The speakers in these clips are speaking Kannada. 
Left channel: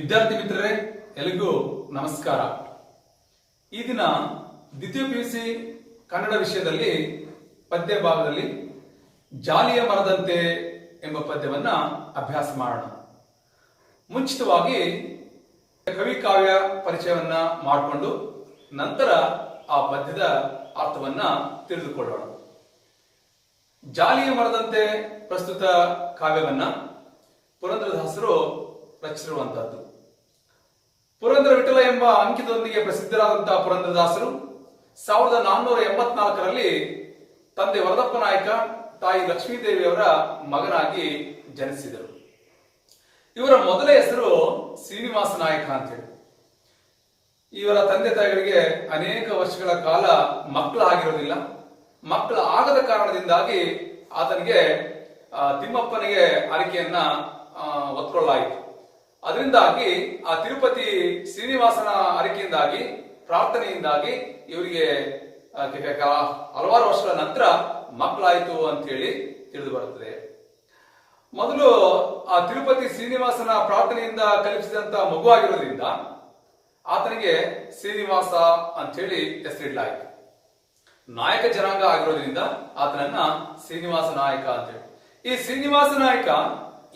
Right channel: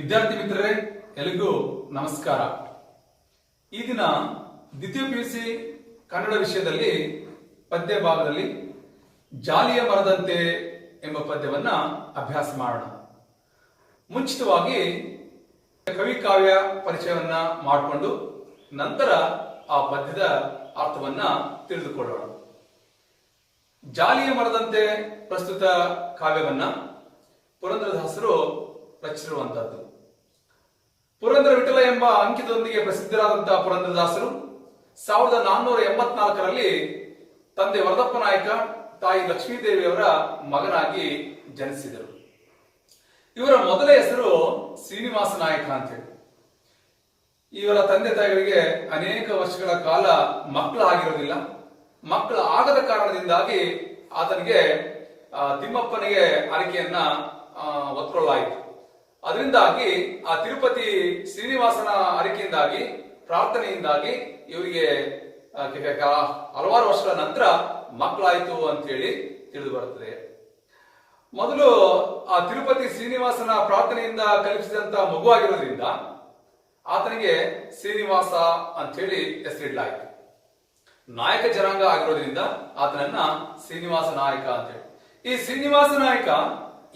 ವಿದ್ಯಾರ್ಥಿ ಮಿತ್ರರೇ, ಎಲ್ಲರಿಗೂ ನಮಸ್ಕಾರ. ಈ ದಿನ ದ್ವಿತೀಯ ಪಿಯುಸಿ ಕನ್ನಡ ವಿಷಯದಲ್ಲಿ ಪದ್ಯ ಭಾಗದಲ್ಲಿ ಜಾಲಿಯ ಮರದಂತೆ ಎಂಬ ಪದ್ಯವನ್ನ ಅಭ್ಯಾಸ ಮಾಡೋಣ. ಮುಂಚಿತವಾಗಿ ಕವಿ ಕಾವ್ಯ ಪರಿಚಯವನ್ನ ಮಾಡಿಕೊಂಡು ನಂತರ ಆ ಪದ್ಯದ ಅರ್ಥವನ್ನ ತಿಳಿದುಕೊಳ್ಳೋಣ. ಜಾಲಿಯ ಮರದಂತೆ ಪ್ರಸ್ತುತ ಕಾವ್ಯವನ್ನ ಪುರಂದರದಾಸರು ರಚಿಸಿರುವಂತಹದ್ದು. ಪುರಂದರ ವಿಠಲ ಎಂಬ ಅಂಕಿತದೊಂದಿಗೆ ಪ್ರಸಿದ್ಧರಾದಂತಹ ಪುರಂದರದಾಸರು 1484ರಲ್ಲಿ ತಂದೆ ವರದಪ್ಪ ನಾಯಕ, ತಾಯಿ ಲಕ್ಷ್ಮೀದೇವಿಯವರ ಮಗನಾಗಿ ಜನಿಸಿದರು. ಇವರ ಮೊದಲ ಹೆಸರು ಶ್ರೀನಿವಾಸ ನಾಯಕ ಅಂತೇಳಿ. ಇವರ ತಂದೆ ತಾಯಿಗಳಿಗೆ ಅನೇಕ ವರ್ಷಗಳ ಕಾಲ ಮಕ್ಕಳಾಗಿರೋದಿಲ್ಲ. ಮಕ್ಕಳ ಆಗದ ಕಾರಣದಿಂದಾಗಿ ಆತನಿಗೆ ತಿಮ್ಮಪ್ಪನಿಗೆ ಆರೈಕೆಯನ್ನ ಹೊತ್ಕೊಳ್ಳಲಾಯಿತು. ಅದರಿಂದಾಗಿ ಆ ತಿರುಪತಿ ಶ್ರೀನಿವಾಸನ ಆರೈಕೆಯಿಂದಾಗಿ, ಪ್ರಾರ್ಥನೆಯಿಂದಾಗಿ ಇವರಿಗೆ ಹಲವಾರು ವರ್ಷಗಳ ನಂತರ ಮಕ್ಕಳಾಯಿತು ಅಂತೇಳಿ ತಿಳಿದು ಬರುತ್ತದೆ. ಮೊದಲು ಆ ತಿರುಪತಿ ಶ್ರೀನಿವಾಸನ ಪ್ರಾರ್ಥನೆಯಿಂದ ಕಲ್ಪಿಸಿದಂತ ಮಗುವಾಗಿರೋದ್ರಿಂದ ಆತನಿಗೆ ಶ್ರೀನಿವಾಸ ಅಂತೇಳಿ ಹೆಸರಿಡಲಾಯಿತು. ನಾಯಕ ಜನಾಂಗ ಆಗಿರೋದ್ರಿಂದ ಆತನನ್ನ ಶ್ರೀನಿವಾಸ ನಾಯಕ ಅಂತೇಳಿ. ಈ ಶ್ರೀನಿವಾಸ ನಾಯಕ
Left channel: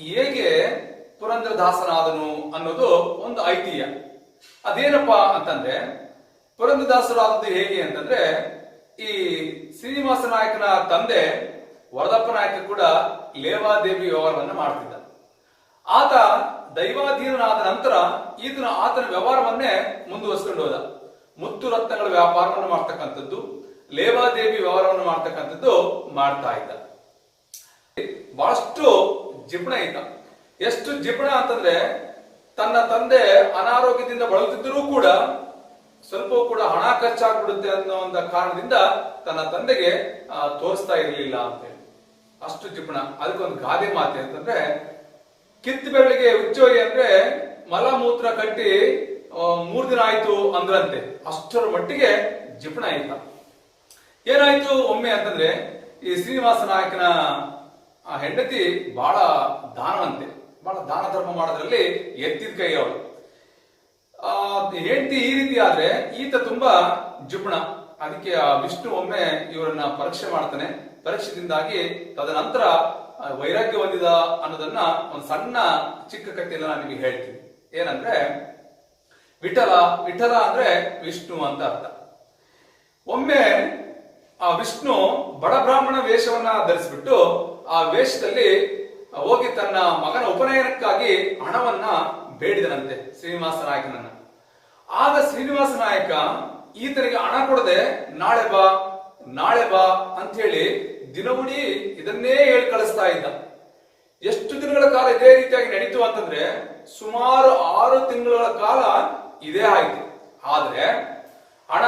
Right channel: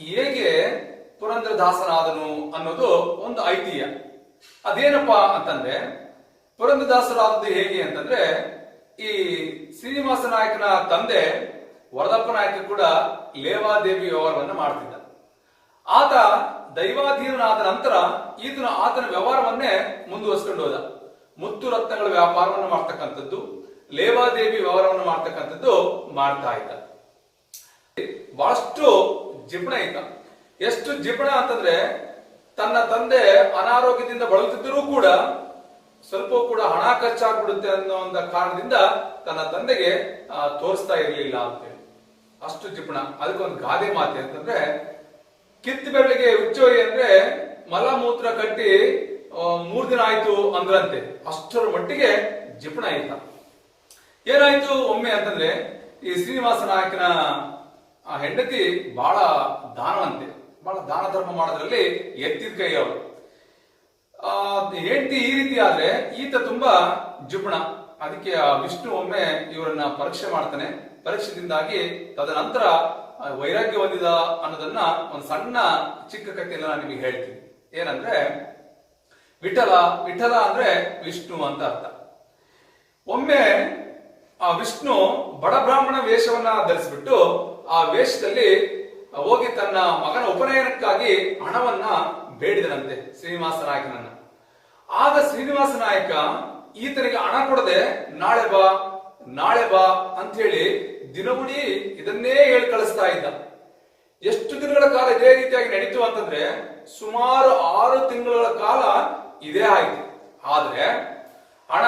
ಹೇಗೆ ಪುರಂದರದಾಸನಾದನು ಅನ್ನೋದು ಒಂದು ಐತಿಹ್ಯ. ಅದೇನಪ್ಪಾ ಅಂತಂದ್ರೆ, ಪುರಂದರದಾಸರಾದದ್ದು ಹೇಗೆ ಅಂತಂದ್ರೆ, ಈ ಶ್ರೀನಿವಾಸ ನಾಯಕನ ತಂದೆ ವರದಪ್ಪ ನಾಯಕ ಕೂಡ ಲೇವಾದೇವಿ ವ್ಯವಹಾರವನ್ನು ಮಾಡ್ತಿದ್ದ. ಆತ ದೈವಾಧೀನನಾದ ನಂತರ ಈತನ ಆತನ ವ್ಯವಹಾರವನ್ನೇ ಮುಂದುವರಿಸಿಕೊಂಡು ಹೋದ. ಮುತ್ತು ರತ್ನಗಳ ವ್ಯಾಪಾರವನ್ನು ಮಾಡ್ತಕ್ಕಂಥದ್ದು, ಲೇವಾದೇವಿ ವ್ಯವಹಾರವನ್ನು ಮಾಡ್ತಕ್ಕಂಥದ್ದು ಮಾಡ್ತಾ ಇದ್ದ. ಬಹಳಷ್ಟು ಜಿಪಣ ಇದ್ದ. ಎಷ್ಟು ಜಿಪಣ ಅಂತಂದ್ರೆ, ತನ್ನ ತಂದೆ ಅನಾರೋಗ್ಯದಿಂದ ಬಳಲುತ್ತಿದ್ದರೂ ಕೂಡ ಸ್ವಲ್ಪ ಕೂಡ ಹಣ ಖರ್ಚಾಗ್ಬಿಡುತ್ತೆ ಅನ್ನೋ ಒಂದು ಕಾರಣದಿಂದ ತನ್ನ ತಂದೆಗೆ ತೋರಿಸ್ತಾ ಇರಲಿಲ್ಲ ಅಂತೇಳಿ. ಅಷ್ಟು ಜಿಪಣ. ಅದಕ್ಕೊಂದು ಗಾದೆ ಮಾತೆ ಅಂತಂದ್ರೆ, ಕಿತ್ತು ಬೆರಳಿಗೆ ಉಚ್ಚೋರಿ ಅಂದ್ರೆ ಮಲ ಮೂತ್ರ ಕಟ್ಟಿ 3 ದಿನ ಆಯ್ತು ಅಂದ್ರಂತೆ. ಅಷ್ಟರ ಮಟ್ಟಿಗೆ ಜಿಪಣ ಇದ್ದ. ಏನಾಯ್ತು ಒಮ್ಮೆ ಅಂತಂದ್ರೆ, ಈ ಶ್ರೀನಿವಾಸ ನಾಯಕನ ಹೆಂಡತಿ ಬಹಳ ದಾನವಂತೆ, ಬಹಳ ದಾನ ಧರ್ಮ ಮಾಡೋದ್ರಲ್ಲಿ ಎತ್ತಿದ ಕೈ ಅವಳು. ಹೆಂಡತಿ ಈ ರೀತಿ ಆದ್ರೆ ಈತ ತುಂಬಾ ಜಿಪಣ. ಅದಕ್ಕೆ ಆ ವಿಷ್ಣು ಒಮ್ಮೆ ಇವರನ್ನ ಪರೀಕ್ಷೆ ಮಾಡ್ತಾನೆ. ಪರೀಕ್ಷೆದಿಂದಾಗಿ ತದನಂತರ ವೈರಾಗ್ಯ ಹೊಂದಿದ ಅನ್ನೋದನ್ನ ಒಂದು ಸಣ್ಣ ಚಿಕ್ಕ ಕಥೆಯನ್ನ ನಾನು ನಿಮಗೆ ಹೇಳ್ತೀನಿ. ಏನಂದ್ರೆ, ವಿಠಲ ವಿಠಲ ಅಂದ್ರೆ ವಿಷ್ಣು ಅಂತ ಅರ್ಥ. ಒಮ್ಮೆ ಆ ವಿಷ್ಣು ಬಡ ಬ್ರಾಹ್ಮಣ ವೇಷವನ್ನ ಧರಿಸಿಬಿಟ್ಟು ಆ ವೇಷದಲ್ಲಿ ಹೋಗಿ ತನ್ನ ಮಗನ ಉಪನಯನಕ್ಕಾಗಿ ಹಣವನ್ನ ಬೇಡಿದನಂತೆ ಶ್ರೀನಿವಾಸ ನಾಯಕನನ್ನ. ಆಗ ಶ್ರೀನಿವಾಸ ನಾಯಕ ಈತನಿಗೆ ಹಣ ಕೊಡದೆ ನಾಳೆ ಬಾ ನಾಳೆ ಬಾ ಅಂತ ಹೇಳಿ ದಿನವಿಡೀ ಇದನ್ನೇ ಹೇಳಿ ಕಳಿಸ್ತಾ ಇದ್ದ. ಎಷ್ಟು ದಿನಗಳ ಕಾಲ ಇದೇ ರೀತಿಯಾಗಿ ನಡೀತು ಅಂತಂದ್ರೆ, ಸುಮಾರು 6 ತಿಂಗಳ ಕಾಲ ಇದೇ ಆಯ್ತು. ಆದ್ರೆ ಹಣ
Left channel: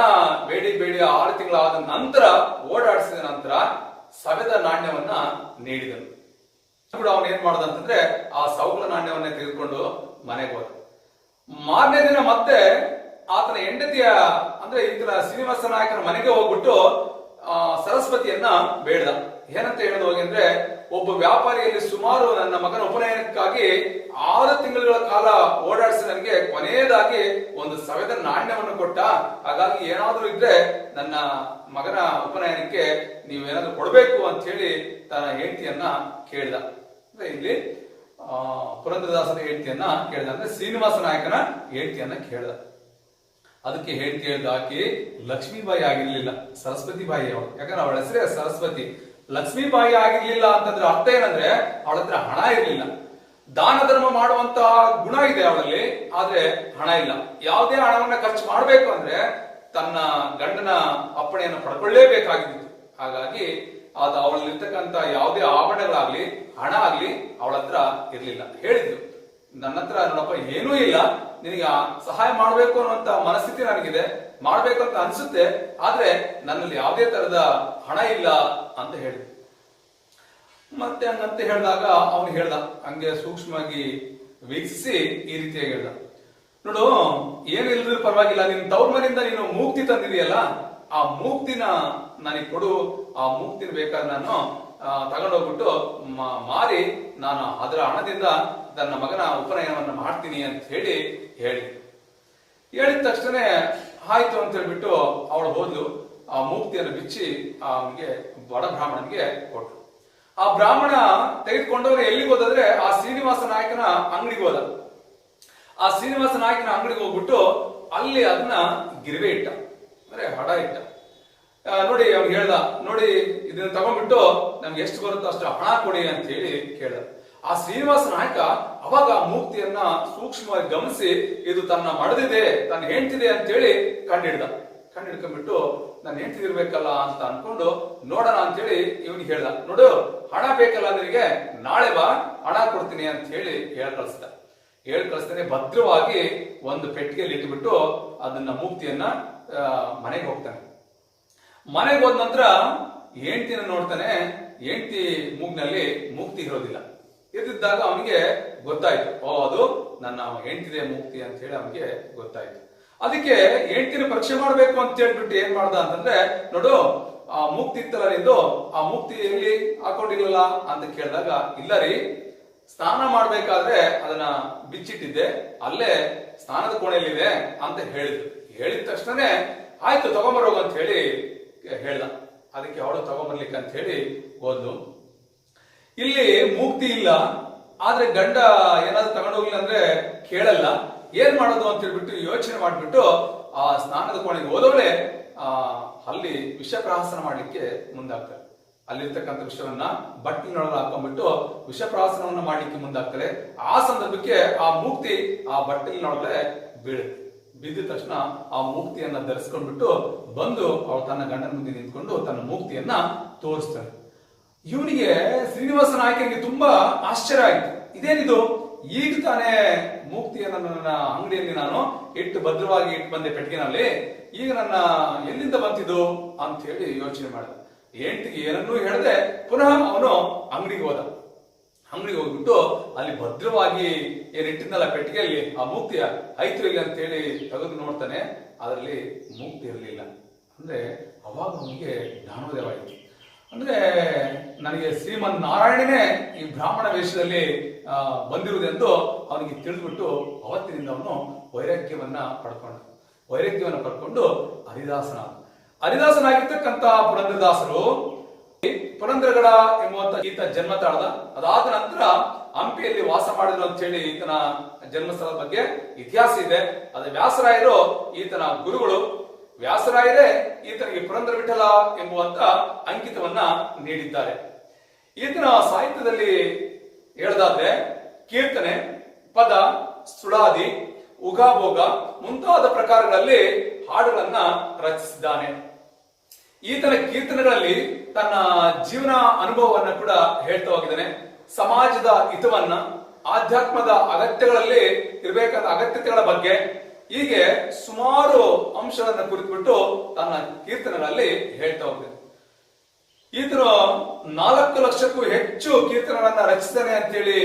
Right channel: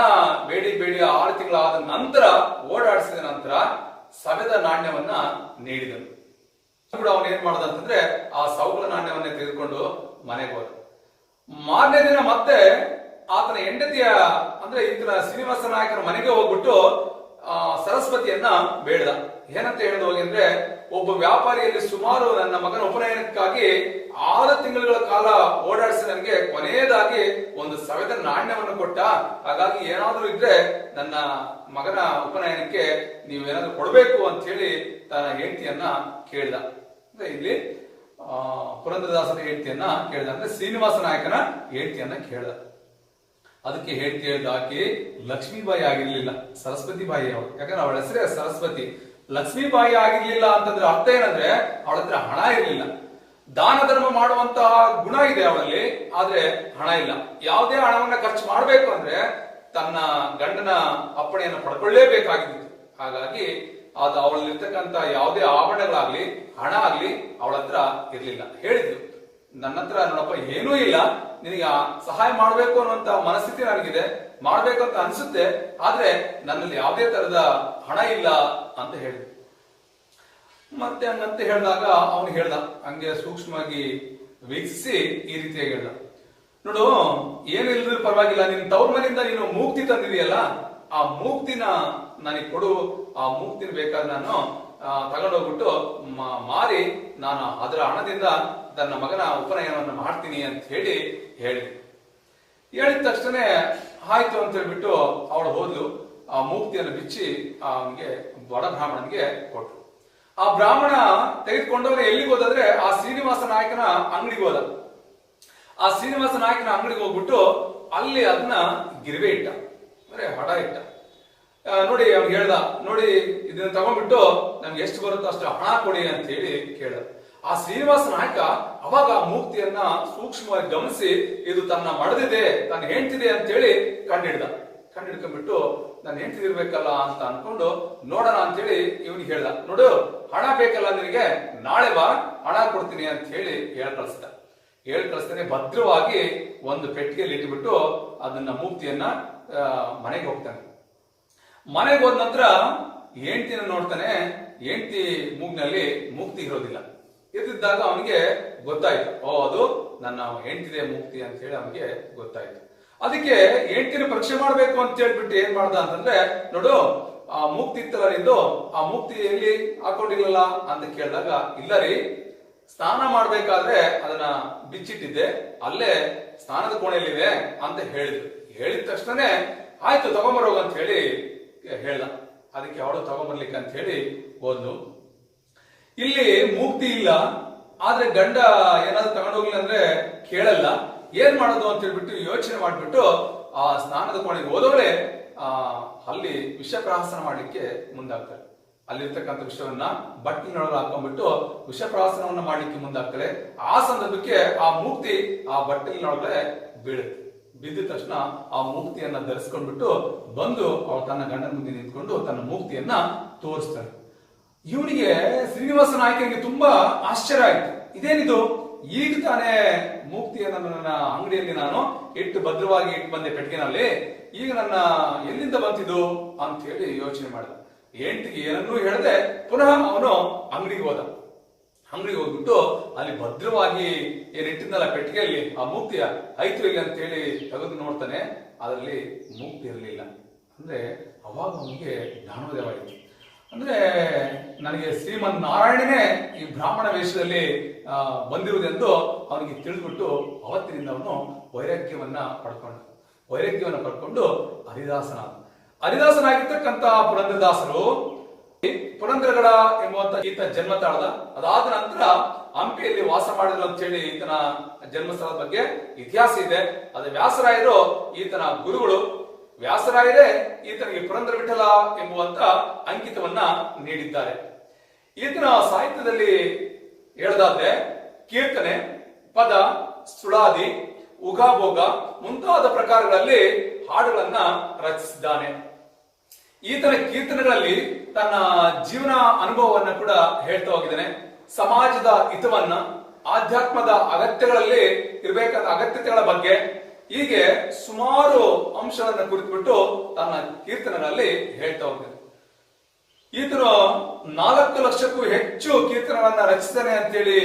ಬೇಡಿ 6 ತಿಂಗಳಾದ ನಂತರ, ಓಡಾಡಿಸಿದ ನಂತರ ಸವೆದ ನಾಣ್ಯವನ್ನ ನೀಡಿದನು. ಅವನು ಏನ್ ಮಾಡ್ದ ಅಂತಂದ್ರೆ, ಆ ಸೌಲ ನಾಣ್ಯವನ್ನೇ ತೆಗೆದುಕೊಂಡು ಮನೆಗೆ ಹೋದ. ಮಾರನೇ ದಿನ ಮತ್ತೆ ಆತನ ಹೆಂಡತಿಯ ಅಂದ್ರೆ ಈತನ ಶ್ರೀನಿವಾಸ ನಾಯಕನ ಮನೆಗೆ ಹೋಗ್ಬಿಟ್ಟು ಸರಸ್ವತಿಯನ್ನ ಬೇಡ್ದ. ಏನಂತ ಹೇಳೋದು ಹೋಗಿ ಅಂದ್ರೆ, ಒಬ್ಬ ವ್ಯಾಪಾರಿಯಲ್ಲಿ ಸುಮಾರು ನನ್ನ ಮಗನ ಉಪನಯನಕ್ಕಾಗಿ 6 ತಿಂಗಳ ಕಾಲ ಓಡಾಡಿಸಿ ನನಗೆ ಕೊನೆಯದಾಗಿ ಒಂದು ಸವೆದ ನಾಣ್ಯವನ್ನು ಕೊಟ್ಟ. ಹಾಗಾಗಿ ಏನಾದ್ರೂ ಇದ್ರೆ ನನ್ನ ಮಗನ ಉಪನಯನಕ್ಕೆ ನೀವೇನಾದ್ರೂ ಕೊಡ್ಬೇಕು ಅಂತ ಹೇಳಿ ತನ್ನ ಹೆಂಡತಿಯನ್ನ ಕೇಳ್ದ. ಅಂದ್ರೆ ಇಲ್ಲಿ ಪುರಂದರದಾಸರ ಹೆಂಡತಿಯನ್ನ ಕೇಳ್ದ, ಅಂದ್ರೆ ಶ್ರೀನಿವಾಸ ನಾಯಕನ ಹೆಂಡತಿಯನ್ನ ಕೇಳ್ದ. ಅದಕ್ಕೆ ಹೆಂಡತಿ ಹೇಳ್ದ, ಆಕೆ ಲಕ್ಷ್ಮೀಬಾಯಿ ಆಗಿರ್ಲಿಲ್ಲ, ಸರಸ್ವತಿ ಬಾಯಿ ಅವಳು. ಯಾಕಂದ್ರೆ ಅವಳ ಹೆಸರೇ ಸರಸ್ವತಿ. ಲಕ್ಷ್ಮೀಬಾಯಿ ಆಗಿರ್ಲಿಲ್ಲ ಅಂತಂದ್ರೆ ಅರ್ಥ ಏನಂದ್ರೆ, ಅವಳ ಹತ್ರ ಹಣ ಇರ್ಲಿಲ್ಲ. ದಾನ ಧರ್ಮ ಮಾಡುವಂತಹ ಗುಣ ಇದೆ ಅವಳಲ್ಲಿ, ಆದ್ರೆ ಹಣ ಇಲ್ಲ. ಯಾವುದೇ ಹಣವನ್ನ ಖರ್ಚು ಮಾಡಬೇಕು ಅಂದ್ರೆ ತನ್ನ ಗಂಡನ ಅಪ್ಪಣೆಯನ್ನು ಪಡ್ಕೊಳ್ಳೇಬೇಕಾಗಿತ್ತು. ಹಾಗಾಗಿ ಅದು ಅವಳಲ್ಲಿರ್ತಕ್ಕಂಥ ಯಾವುದೇ ಆಭರಣಗಳಾಗ್ಲಿ ಹಣ ಆಗ್ಲಿ ಅವಳ ಹತ್ರ ಇರ್ಲಿಲ್ಲ. ಹೇಳಿದ್ರು, ನನ್ನ ಹತ್ರ ನೋಡಪ್ಪ ಏನೂ ಇಲ್ಲ, ನಿನಗೆ ಸಹಾಯ ಮಾಡ್ಬೇಕು ಅನ್ನುವಂತ ಮನಸ್ಥಿತಿ ನನಗಿದೆ, ಮಾಡ್ಬೇಕು ಅಂತ ಅನ್ಸುತ್ತೆ, ಆದ್ರೆ ನನ್ನಲ್ಲಿ ಯಾವುದೇ ತರದ ಹಣ ಇಲ್ಲ ಅಂತ ಹೇಳಿದ್ರು. ಮತ್ತೆ ಹಂಗಂತ ಹೇಳಿದಾಗ ಅವನು ಹೇಳ್ದ, ಹಂಗೆ ಸೂಕ್ಷ್ಮವಾಗಿ ವೀಕ್ಷಿಸಿ ಈ ರೀತಿಯಾಗಿ ಹೇಳ್ದ, ನೋಡು ಏನು ಇಲ್ಲದ್ರೂ ಪರವಾಗಿಲ್ಲ, ನಿನ್ ತವ್ರ ಮನೆಯಿಂದ ನೀನು ಮೂಕ್ತಿ ತಂದಿದೆಯಲ್ಲ, ಆ ಮೂಕ್ತಿನ ನನಗೆ ಕೊಡು. ಆ ಮೂಕ್ತಿನ ಬೇಕಾದ್ರೆ ನಾನು ತಗೊಂಡೋಗ್ಬಿಟ್ಟು ಮಾರಿ ನಾನು ಅದರ ಹಣದಿಂದ ನನ್ನ ಮಗನ ಉಪನಯನವನ್ನು ಮಾಡ್ತೀನಿ ಅಂತ ಹೇಳಿದ ತಕ್ಷಣ ಆಯ್ತು ಅಂತ ಹೇಳ್ಬಿಟ್ಟು ಅವಳು ಹೋದ್ಲು. ಆ ಮೂರ್ತಿಯನ್ನು ಬಿಚ್ಚಿ ಅವನಿಗೆ ಬಡ ಬ್ರಾಹ್ಮಣನಿಗೆ ಕೊಟ್ರು. ಆ ಬ್ರಾಹ್ಮಣ ತೆಗೆದುಕೊಂಡವನು ಎಲ್ಲಿಗೆ ಹೋದ್ರೆ ಆ ಶ್ರೀನಿವಾಸ ನಾಯಕನ ಅಂಗಡಿಗೆ ಹೋದ. ಆ ಶ್ರೀನಿವಾಸ ನಾಯಕನ ಅಂಗಡಿಗೆ ಹೋಗ್ಬಿಟ್ಟು ಅಲ್ಲಿ ಅದನ್ನ ಗಿರಿವೆ ಇಟ್ಟ, ಅಂದ್ರೆ ಹಡ ಇಟ್ಟ. ನೋಡಿ ಅವ್ನು ಹೇಳ್ದ, ನೋಡಿ ಇದನ್ನ ತಗೊಂಡ್ಬಿಟ್ಟು ನಮ್ಗೆ ಎಷ್ಟು ಬರುತ್ತೋ ಅಷ್ಟು ಹಣ ಕೊಡಿ ಅಂತ ಹೇಳಿ ಕೇಳ್ದ. ಆ ಶ್ರೀನಿವಾಸ ನಾಯಕ ಅವಾಗ ಆ ಮೂರ್ತಿಯನ್ನ ಸೂಕ್ಷ್ಮವಾಗಿ ಗಮನಿಸಿ ಇದು ತನ್ನ ಮಡದಿದೆ, ತನ್ನ ಹೆಂಡ್ತಿದೆ ಅಂತ ಹೇಳಿ ಕಂಡಿಡ್ಕೊಂಡ್ಬಿಟ್ಟು ನಾನು ಹೆಂಡ್ತಿರ್ಬೇಕಲ್ಲ ಅಂತ ಅನ್ಕೊಂಡು ನೋಡೋಣ ಅಂತ ಹೇಳಿ ಇವನಿಗೆ ಹೇಳ್ದ, ನೋಡು ಹಣ ಬೇಕಲ್ಲ ನಿನಗೆ, ನಾಳೆ ಬಾ ಹಣ ಕೊಡ್ತೀನಿ ಅಂತ ಹೇಳಿ ಕಳಿಸ್ತಾನೆ. ಭದ್ರವಾಗಿ ಒಂದು ಪೆಟ್ಟಿಗೆಯಲ್ಲಿ ಇಟ್ಬಿಟ್ಟು ಅದನ್ನ ಮೂರ್ತಿಯನ್ನ ಮನೆಗೆ ಹೋಗ್ತಾನೆ. ಮನೆಗೆ ಹೋದ ನಂತರ ಹೆಂಡ್ತಿನ ನೋಡ್ತಾನೆ. ಹೆಂಡ್ತಿ ಮೂಗ್ನಲ್ಲಿ ಮೂರ್ತಿ ಇರೋದಿಲ್ಲ. ಇದ್ದಿದ್ದಾಗ ಅವನಿಗೆ ಗೊತ್ತಾಯ್ತು, ಅದು ನನ್ನ ಹೆಂಡ್ತಿದೆ ಮೂರ್ತಿ ಅಂತ ಹೇಳಿ ಅವನಿಗೆ ಗೊತ್ತಾಯ್ತು. ಅದಕ್ಕೆ ಹೆಂಡ್ತಿನ ಪರೀಕ್ಷೆ ಮಾಡ್ಬೇಕು ಅಂತ ಹೇಳ್ಬಿಟ್ಟು ಏನ್ ಮಾಡ್ದ ಅಂತಂದ್ರೆ, ನೋಡು ಆ ಮೂರ್ತಿ ಇತ್ತಲ್ಲ ನಿಂದು, ಆ ಮೂರ್ತಿ ಎಲ್ಲಿ ಹಾಕೊಂಡಿಲ್ಲಲ್ಲ ಅಂತ ಕೇಳಿದಾಗ, ಇಲ್ಲ ರೀ ಸ್ನಾನ ಮಾಡ್ಬೇಕಾದ್ರೆ ಅದನ್ನ ಬಿಚ್ಚಿಟ್ಟಿದ್ದೆ, ಅಲ್ಲೇ ಸ್ನಾನದ ಕೋಣೆಯಲ್ಲಿದೆ ಅಂತ ಹೇಳಿದ ತಕ್ಷಣನೇ ಆಯ್ತು ತಗೊಂಬರೋಗ ಅಂತ ಹೇಳಿ ಹೇಳ್ದ. ಅದಕ್ಕೆ ಅವಳು ತಗೊಂಬರ್ಲಿಕ್ಕೆ ಅಂತ ಹೇಳಿ ಹೋದ್ಲು. ಇಲ್ಲಿ ಮೂರ್ತಿ ಇಲ್ಲ, ಆದ್ರೆ ಗಂಡ ಏನಾದ್ರು ತಗೊಂಡೋಗಿಲ್ಲ ಅಂದ್ರೆ ಕೇಳಲ್ಲ. ಏನ್ ಮಾಡೋದು ಅಂತ ಹೇಳ್ಬಿಟ್ಟು ಯೋಚನೆ ಮಾಡ್ಬಿಟ್ಟು ಆ ಸ್ನಾನದ ಕೋಣೆಗೆ ಹೋದವಳೆ ಅಲ್ಲಿ ವಿಷಪ್ರಹಸನ ಮಾಡ್ಲಿಕ್ಕೆ ಮುಂದಾಗ್ತಾರೆ. ಅಲ್ಲಿರ್ತಕ್ಕಂಥ ವಿಷಯವನ್ನ ಬಟ್ಟಲಿನೊಳಗೆ ಹಾಕೊಂಡ್ಬಿಟ್ಟು ವಿಷಪ್ರಹಸನವನ್ನ ಮಾಡ್ಲಿಕ್ಕೆ ಮುಂದಾಗ್ತಾರೆ. ಆ ಸಂದರ್ಭಕ್ಕೆ ಆ ಮೂರ್ತಿ ಆ ಬಟ್ಟಲಿನೊಳಗಡೆ ಬೀಳುತ್ತೆ. ಬಿದ್ದ ತಕ್ಷಣ ಆ ಮೂರ್ತಿಯನ್ನ ಧರಿಸ್ಕೊಂಡ್ಬಿಟ್ಟು ಬಂದು ಅವಳು ತನ್ನ ಗಂಡನ ಮುಂದೆ ನಿಂತ್ಕೊಂಡು ತನ್ನ ಮೂರ್ತಿಯನ್ನ ತೋರಿಸ್ತಾಳೆ. ಇವನಿಗೆ ಶ್ರೀನಿವಾಸ ನಾಯಕನಿಗೆ ತುಂಬಾ ಆಶ್ಚರ್ಯ ಆಯ್ತು. ಇದೇನಿದು, ಈಗ ತಾನೇ ಮೂರ್ತಿಯನ್ನ ನನ್ನ ಅಂಗಡಿಯಲ್ಲಿ ನಾನು ಭದ್ರವಾಗಿ ಇಟ್ಟು ಬಂದೆ ಪೆಟ್ಟಿಗೆನಲ್ಲಿ, ಈಗ ನನ್ನ ಎಲ್ಲಿಂದ ಬಂತಿದ್ದು ಅಂತ ಹೇಳಿ ಯೋಚನೆ ಮಾಡಿದ. ಹೆಂಡತಿಗೆ ಏನನ್ನೂ ಹೇಳದೆ ಪುನಃ ಅವನು ಅಂಗಡಿಗೆ ಹೋಗ್ಬಿಟ್ಟು ಅಲ್ಲಿ ಭದ್ರವಾಗಿ ಏನಿಟ್ಟಿದ್ನಲ್ಲ ಪೆಟ್ಟಿಗೆಯಲ್ಲಿ ಆ ಮೂರ್ತಿಯ ಐತ್ರಿಲ್ಲ ಅಂತ ಹೇಳಿ ತೆಗೆದು ನೋಡ್ತಾನೆ. ಅದರಲ್ಲಿ ಮೂರ್ತಿ ಇರಲಿಲ್ಲ. ಅಂದ್ರೆ ಅವಾಗ ಅವನಿಗೆ ಜ್ಞಾನೋದಯ ಆಯಿತು. ಅಂದ್ರೆ ನನಗೆ ಶ್ರೀಮನ್ ನಾರಾಯಣನೇ ಈ ಬ್ರಾಹ್ಮಣ ವೇಷದಲ್ಲಿ ಬಂದಿರುವುದೆಂದು ಅವನಿಗೆ ತಿಳಿದ್ಬಿಟ್ಟು ಅವತ್ತಿನಿಂದ ಅವನು ವೈರಾಗ್ಯವನ್ನ ಪಡ್ಕೊಂಡು ಹರಿದಾಸನಾಗಿರ್ತಕ್ಕಂಥ ಪುರಂದರದಾಸರು ಪುರಂದರಗಡ ಎಂಬುವಂತ ಈತ ಜನ್ಮ ತಾಳದ. ಅದಾದ ನಂತರ ಹಂಪಿಯಲ್ಲಿ ವಾಸ ಮಾಡಿದ್ರು ಅಂತ ಹೇಳಿ ಈತನ ಜನ್ಮಸ್ಥಳದ ಬಗ್ಗೆ ಇತಿಹಾಸ ಇದೆ. ಅದು ವ್ಯಾಸರಾಯರು ಈತನ ಗುರುಗಳು. ವ್ಯಾಸರಾಯರೇ ಈತನಿಗೆ ಪುರಂದರ ವಿಠಲ ಎಂಬುವಂತ ಅಂಕಿತವನ್ನ ನೀಡಿದ್ದಾರೆ. ಈತನ ಸಾಹಿತ್ಯದಲ್ಲಿ ಹೇಳದಾದ್ರೆ ಕೀರ್ತನೆ, ಪದ, ಸುಳಾದಿ, ಉಗಾಭೋಗ ಮುಂತಾದ ಪ್ರಕಾರಗಳಲ್ಲಿ ಹಾಡುಗಳನ್ನ ರಚಿಸಿದ್ದಾನೆ. ಈತನ ಕೀರ್ತನೆಗಳಲ್ಲಿ ತನ್ನ ಜೀವನ ಅನುಭವವನ್ನು ಕೂಡ ಹೇಳ್ತಾ ಹೋಗಿದ್ದಾನೆ. ಸಮಾಜದ ಹಿತವನ್ನ, ಆಧ್ಯಾತ್ಮದ ಅಗತ್ಯಗಳಲ್ಲಿ ಇರಬೇಕಾದ ಅಗತ್ಯತೆಗಳ ಬಗ್ಗೆ ಹೀಗೆ ಸುಮಾರು ಅಂಶಗಳನ್ನು ಕುರಿತುಬಿಟ್ಟು ತನ್ನ ಕೀರ್ತನೆಗಳಲ್ಲಿ ಹೇಳ್ತಾ ಹೋಗ್ತಾನೆ. ಈತನು 4 ಲಕ್ಷಕ್ಕೂ ಹೆಚ್ಚು ಕೀರ್ತನೆಗಳನ್ನ ರಚಿಸಿದ್ದಾನೆ ಅಂತೇಳಿ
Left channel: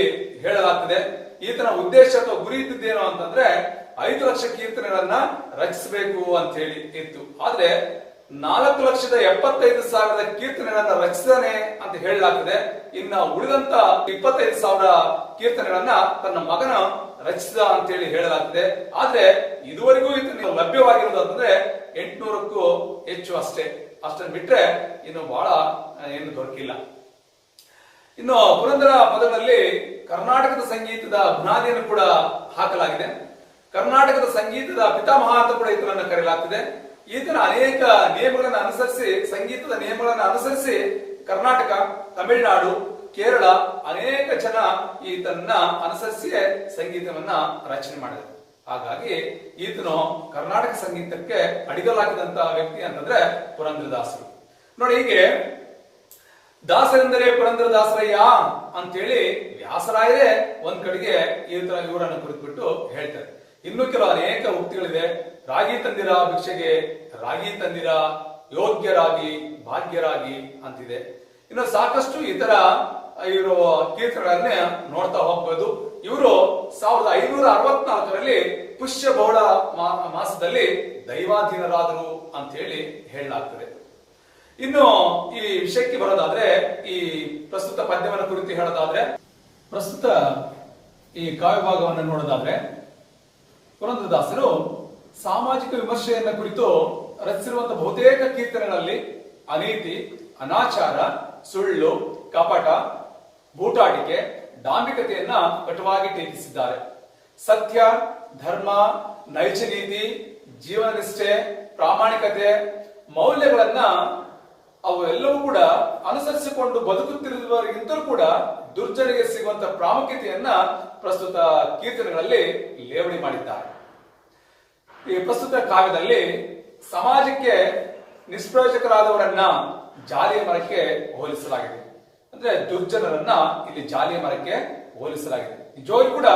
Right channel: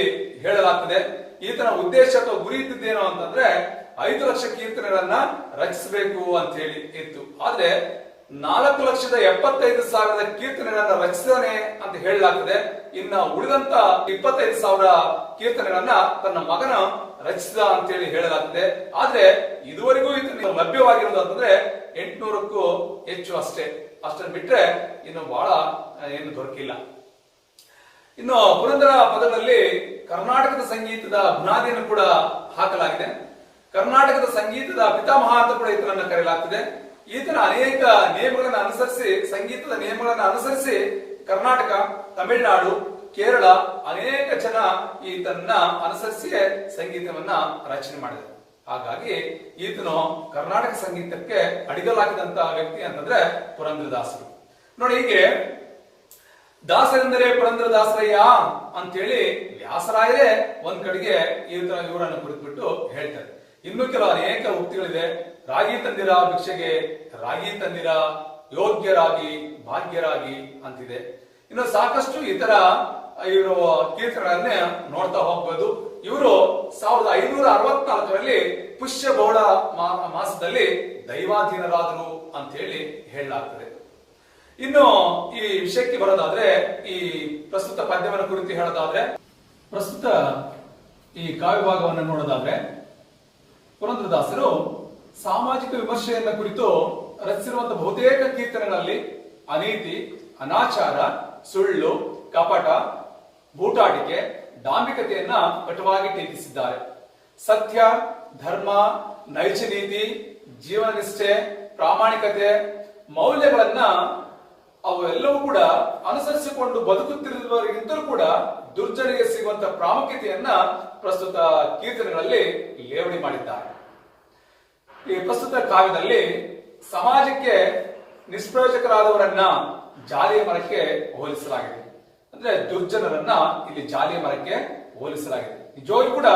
ಹೇಳಲಾಗ್ತದೆ. ಈತನ ಉದ್ದೇಶ ಅಥವಾ ಗುರಿ ಇದ್ದಿದ್ದೇನೋ ಅಂತಂದ್ರೆ 5 ಲಕ್ಷ ಕೀರ್ತನೆಗಳನ್ನ ರಚಿಸಬೇಕು ಅಂತ ಹೇಳಿ ಇತ್ತು. ಆದ್ರೆ 4,75,000 ಕೀರ್ತನೆಗಳನ್ನ ರಚಿಸಿದಾನೆ ಅಂತ ಹೇಳಲಾಗ್ತದೆ. ಇನ್ನ ಉಳಿದಂತ 25,000 ಕೀರ್ತನೆಗಳನ್ನ ತನ್ನ ಮಗನ ರಚಿಸಿದ ಅಂತ ಹೇಳಿ ಹೇಳಲಾಗ್ತದೆ. ಆದ್ರೆ ಇದುವರೆಗೂ ಇದನ್ನು ಲಭ್ಯವಾಗಿರೋದು ಅಂತಂದ್ರೆ 800ಕ್ಕೂ ಹೆಚ್ಚು ಅಷ್ಟನ್ನು ಬಿಟ್ರೆ ಇನ್ನು ಬಹಳ ಏನು ದೊರಕಿಲ್ಲ. ಇನ್ನು ಪುರಂದರ ಪದಗಳಲ್ಲಿ ಕರ್ನಾಟಕದ ಸಂಗೀತದ ಬುನಾದಿಯನ್ನು ಕೂಡ ಹಾಕಲಾಗಿದೆ. ಕರ್ನಾಟಕದ ಸಂಗೀತದ ಪಿತಾಮಹ ಅಂತ ಕೂಡ ಈತನನ್ನು ಕರೆಯಲಾಗ್ತದೆ. ಈತನ ಅನೇಕ ನಿಯಮಗಳನ್ನು ಅನುಸರಿಸಿ, ಸಂಗೀತದ ನಿಯಮಗಳನ್ನು ಅನುಸರಿಸಿ ಕರ್ನಾಟಕ, ತಮಿಳುನಾಡು, ಕೇರಳ ಅನೇಕ ಜನ ಈತನ್ನ ಅನುಸರಿಸಿ ಸಂಗೀತವನ್ನ ರಚನೆ ಮಾಡಿದ್ದಾರೆ. ಹಾಗಾಗಿ ಈತನು ಕರ್ನಾಟಕ ಸಂಗೀತಕ್ಕೆ ಅಡಿಗಲಾಗಿದಂತಹ ವ್ಯಕ್ತಿ ಅಂತಂದ್ರೆ ಪುರಂದರದಾಸರು. ನೋಡಿ, ಹೀಗೆ ದಾಸರೆಂದರೆ ಪುರಂದರದಾಸರಯ್ಯ ಅಂತೇಳಿ ವ್ಯಾಸರಾಯರೇ ಒಂದ್ ಕಡೆಗೆ ಇವರನ್ನು ಕುರಿತುಬಿಟ್ಟು ಹೇಳ್ತಾರೆ. ಇನ್ನು ಕೆಲವು ಅನೇಕ ಉಕ್ತಿಗಳಿದೆ. ರಾಗಿ ತಂದಿರ ಭಿಕ್ಷೆಗೆ, ರಾಗಿ ತಂದಿರ ಯೋಗ್ಯರಾಗಿ ಭಾಗ್ಯರಾಗಿ ಅಂತಿದೆ. ಇನ್ನು ಸಾಕಷ್ಟು ಇತರ ಇವರು ಕೀರ್ತನೆಗಳನ್ನೇ ನೋಡ್ತಾ ಹೋಗ್ಬೋದು. ಇವರು 1564ರಲ್ಲಿ ಪುಷ್ಯ ಬಹುಳ ಮಾಸದಲ್ಲಿ ದೈವಾಧೀನರಾದರು ಅಂತ ಹೇಳಿ ಹೇಳಲಾಗ್ತದೆ. ಇನ್ನು ಈ ವಿಷಯಕ್ಕೆ ಬರೋದಾದ್ರೆ, ಈ ಪ್ರಸ್ತುತ ಪದ್ಯವನ್ನು ಕುರಿತು ಹೇಳೋದಾದ್ರೆ, ಪ್ರಸ್ತುತ ಈ ಕಾವ್ಯ ಭಾಗವನ್ನು ನೋಡೋದಾದ್ರೆ ಪುರಂದರದಾಸರು ಸಾಮಾಜಿಕ ವಿಮರ್ಶೆಯನ್ನ ಕುರಿತು ರಚಿಸಿರುವಂತಹ ಬಹುತೇಕ ಕೀರ್ತನೆಗಳಲ್ಲಿ ಅನೀತಿ, ಅನಾಚಾರ, ಸುಳ್ಳು, ಕಪಟ, ಬೂಟಾಟಿಕೆ, ಡಾಂಬಿಕತೆಯನ್ನ ಕಟುವಾಗಿ ಟೀಕಿಸಿದ್ದಾರೆ. ಸತ್ಯ, ಧರ್ಮ, ನೈಜ ನೀತಿ, ಜೀವನ ನಿಷ್ಠೆ, ಪ್ರಾಮಾಣಿಕತೆ, ಮೌಲ್ಯಗಳನ್ನ ಅವೆಲ್ಲವೂ ಕೂಡ ಅನುಸರಿಸಿಕೊಂಡು ಬದುಕುತ್ತಿರುವವರಿಗಿಂತಲೂ ಕೂಡ ದುರ್ಜನಿಗೆ ಸಿಗುವಂತಹ ಪ್ರಾಮುಖ್ಯತೆಯನ್ನ ಪ್ರಸ್ತುತ ಕೀರ್ತನೆಗಳಲ್ಲಿ ಲೇವಡಿ ಮಾಡಿದ್ದಾರೆ. ಈ ಪ್ರಸ್ತುತ ಕಾವ್ಯದಲ್ಲಿ ಸಮಾಜಕ್ಕೆ ನಿಷ್ಪ್ರಯೋಜಕರಾದವರನ್ನ ಜಾಲಿಯ ಮರಕ್ಕೆ ಹೋಲಿಸಲಾಗಿದೆ. ಅಂದ್ರೆ ದುರ್ಜನರನ್ನ ಇಲ್ಲಿ ಜಾಲಿಯ ಮರಕ್ಕೆ ಹೋಲಿಸಲಾಗಿದೆ. ನಿಜವಾಗಿ ಕೂಡ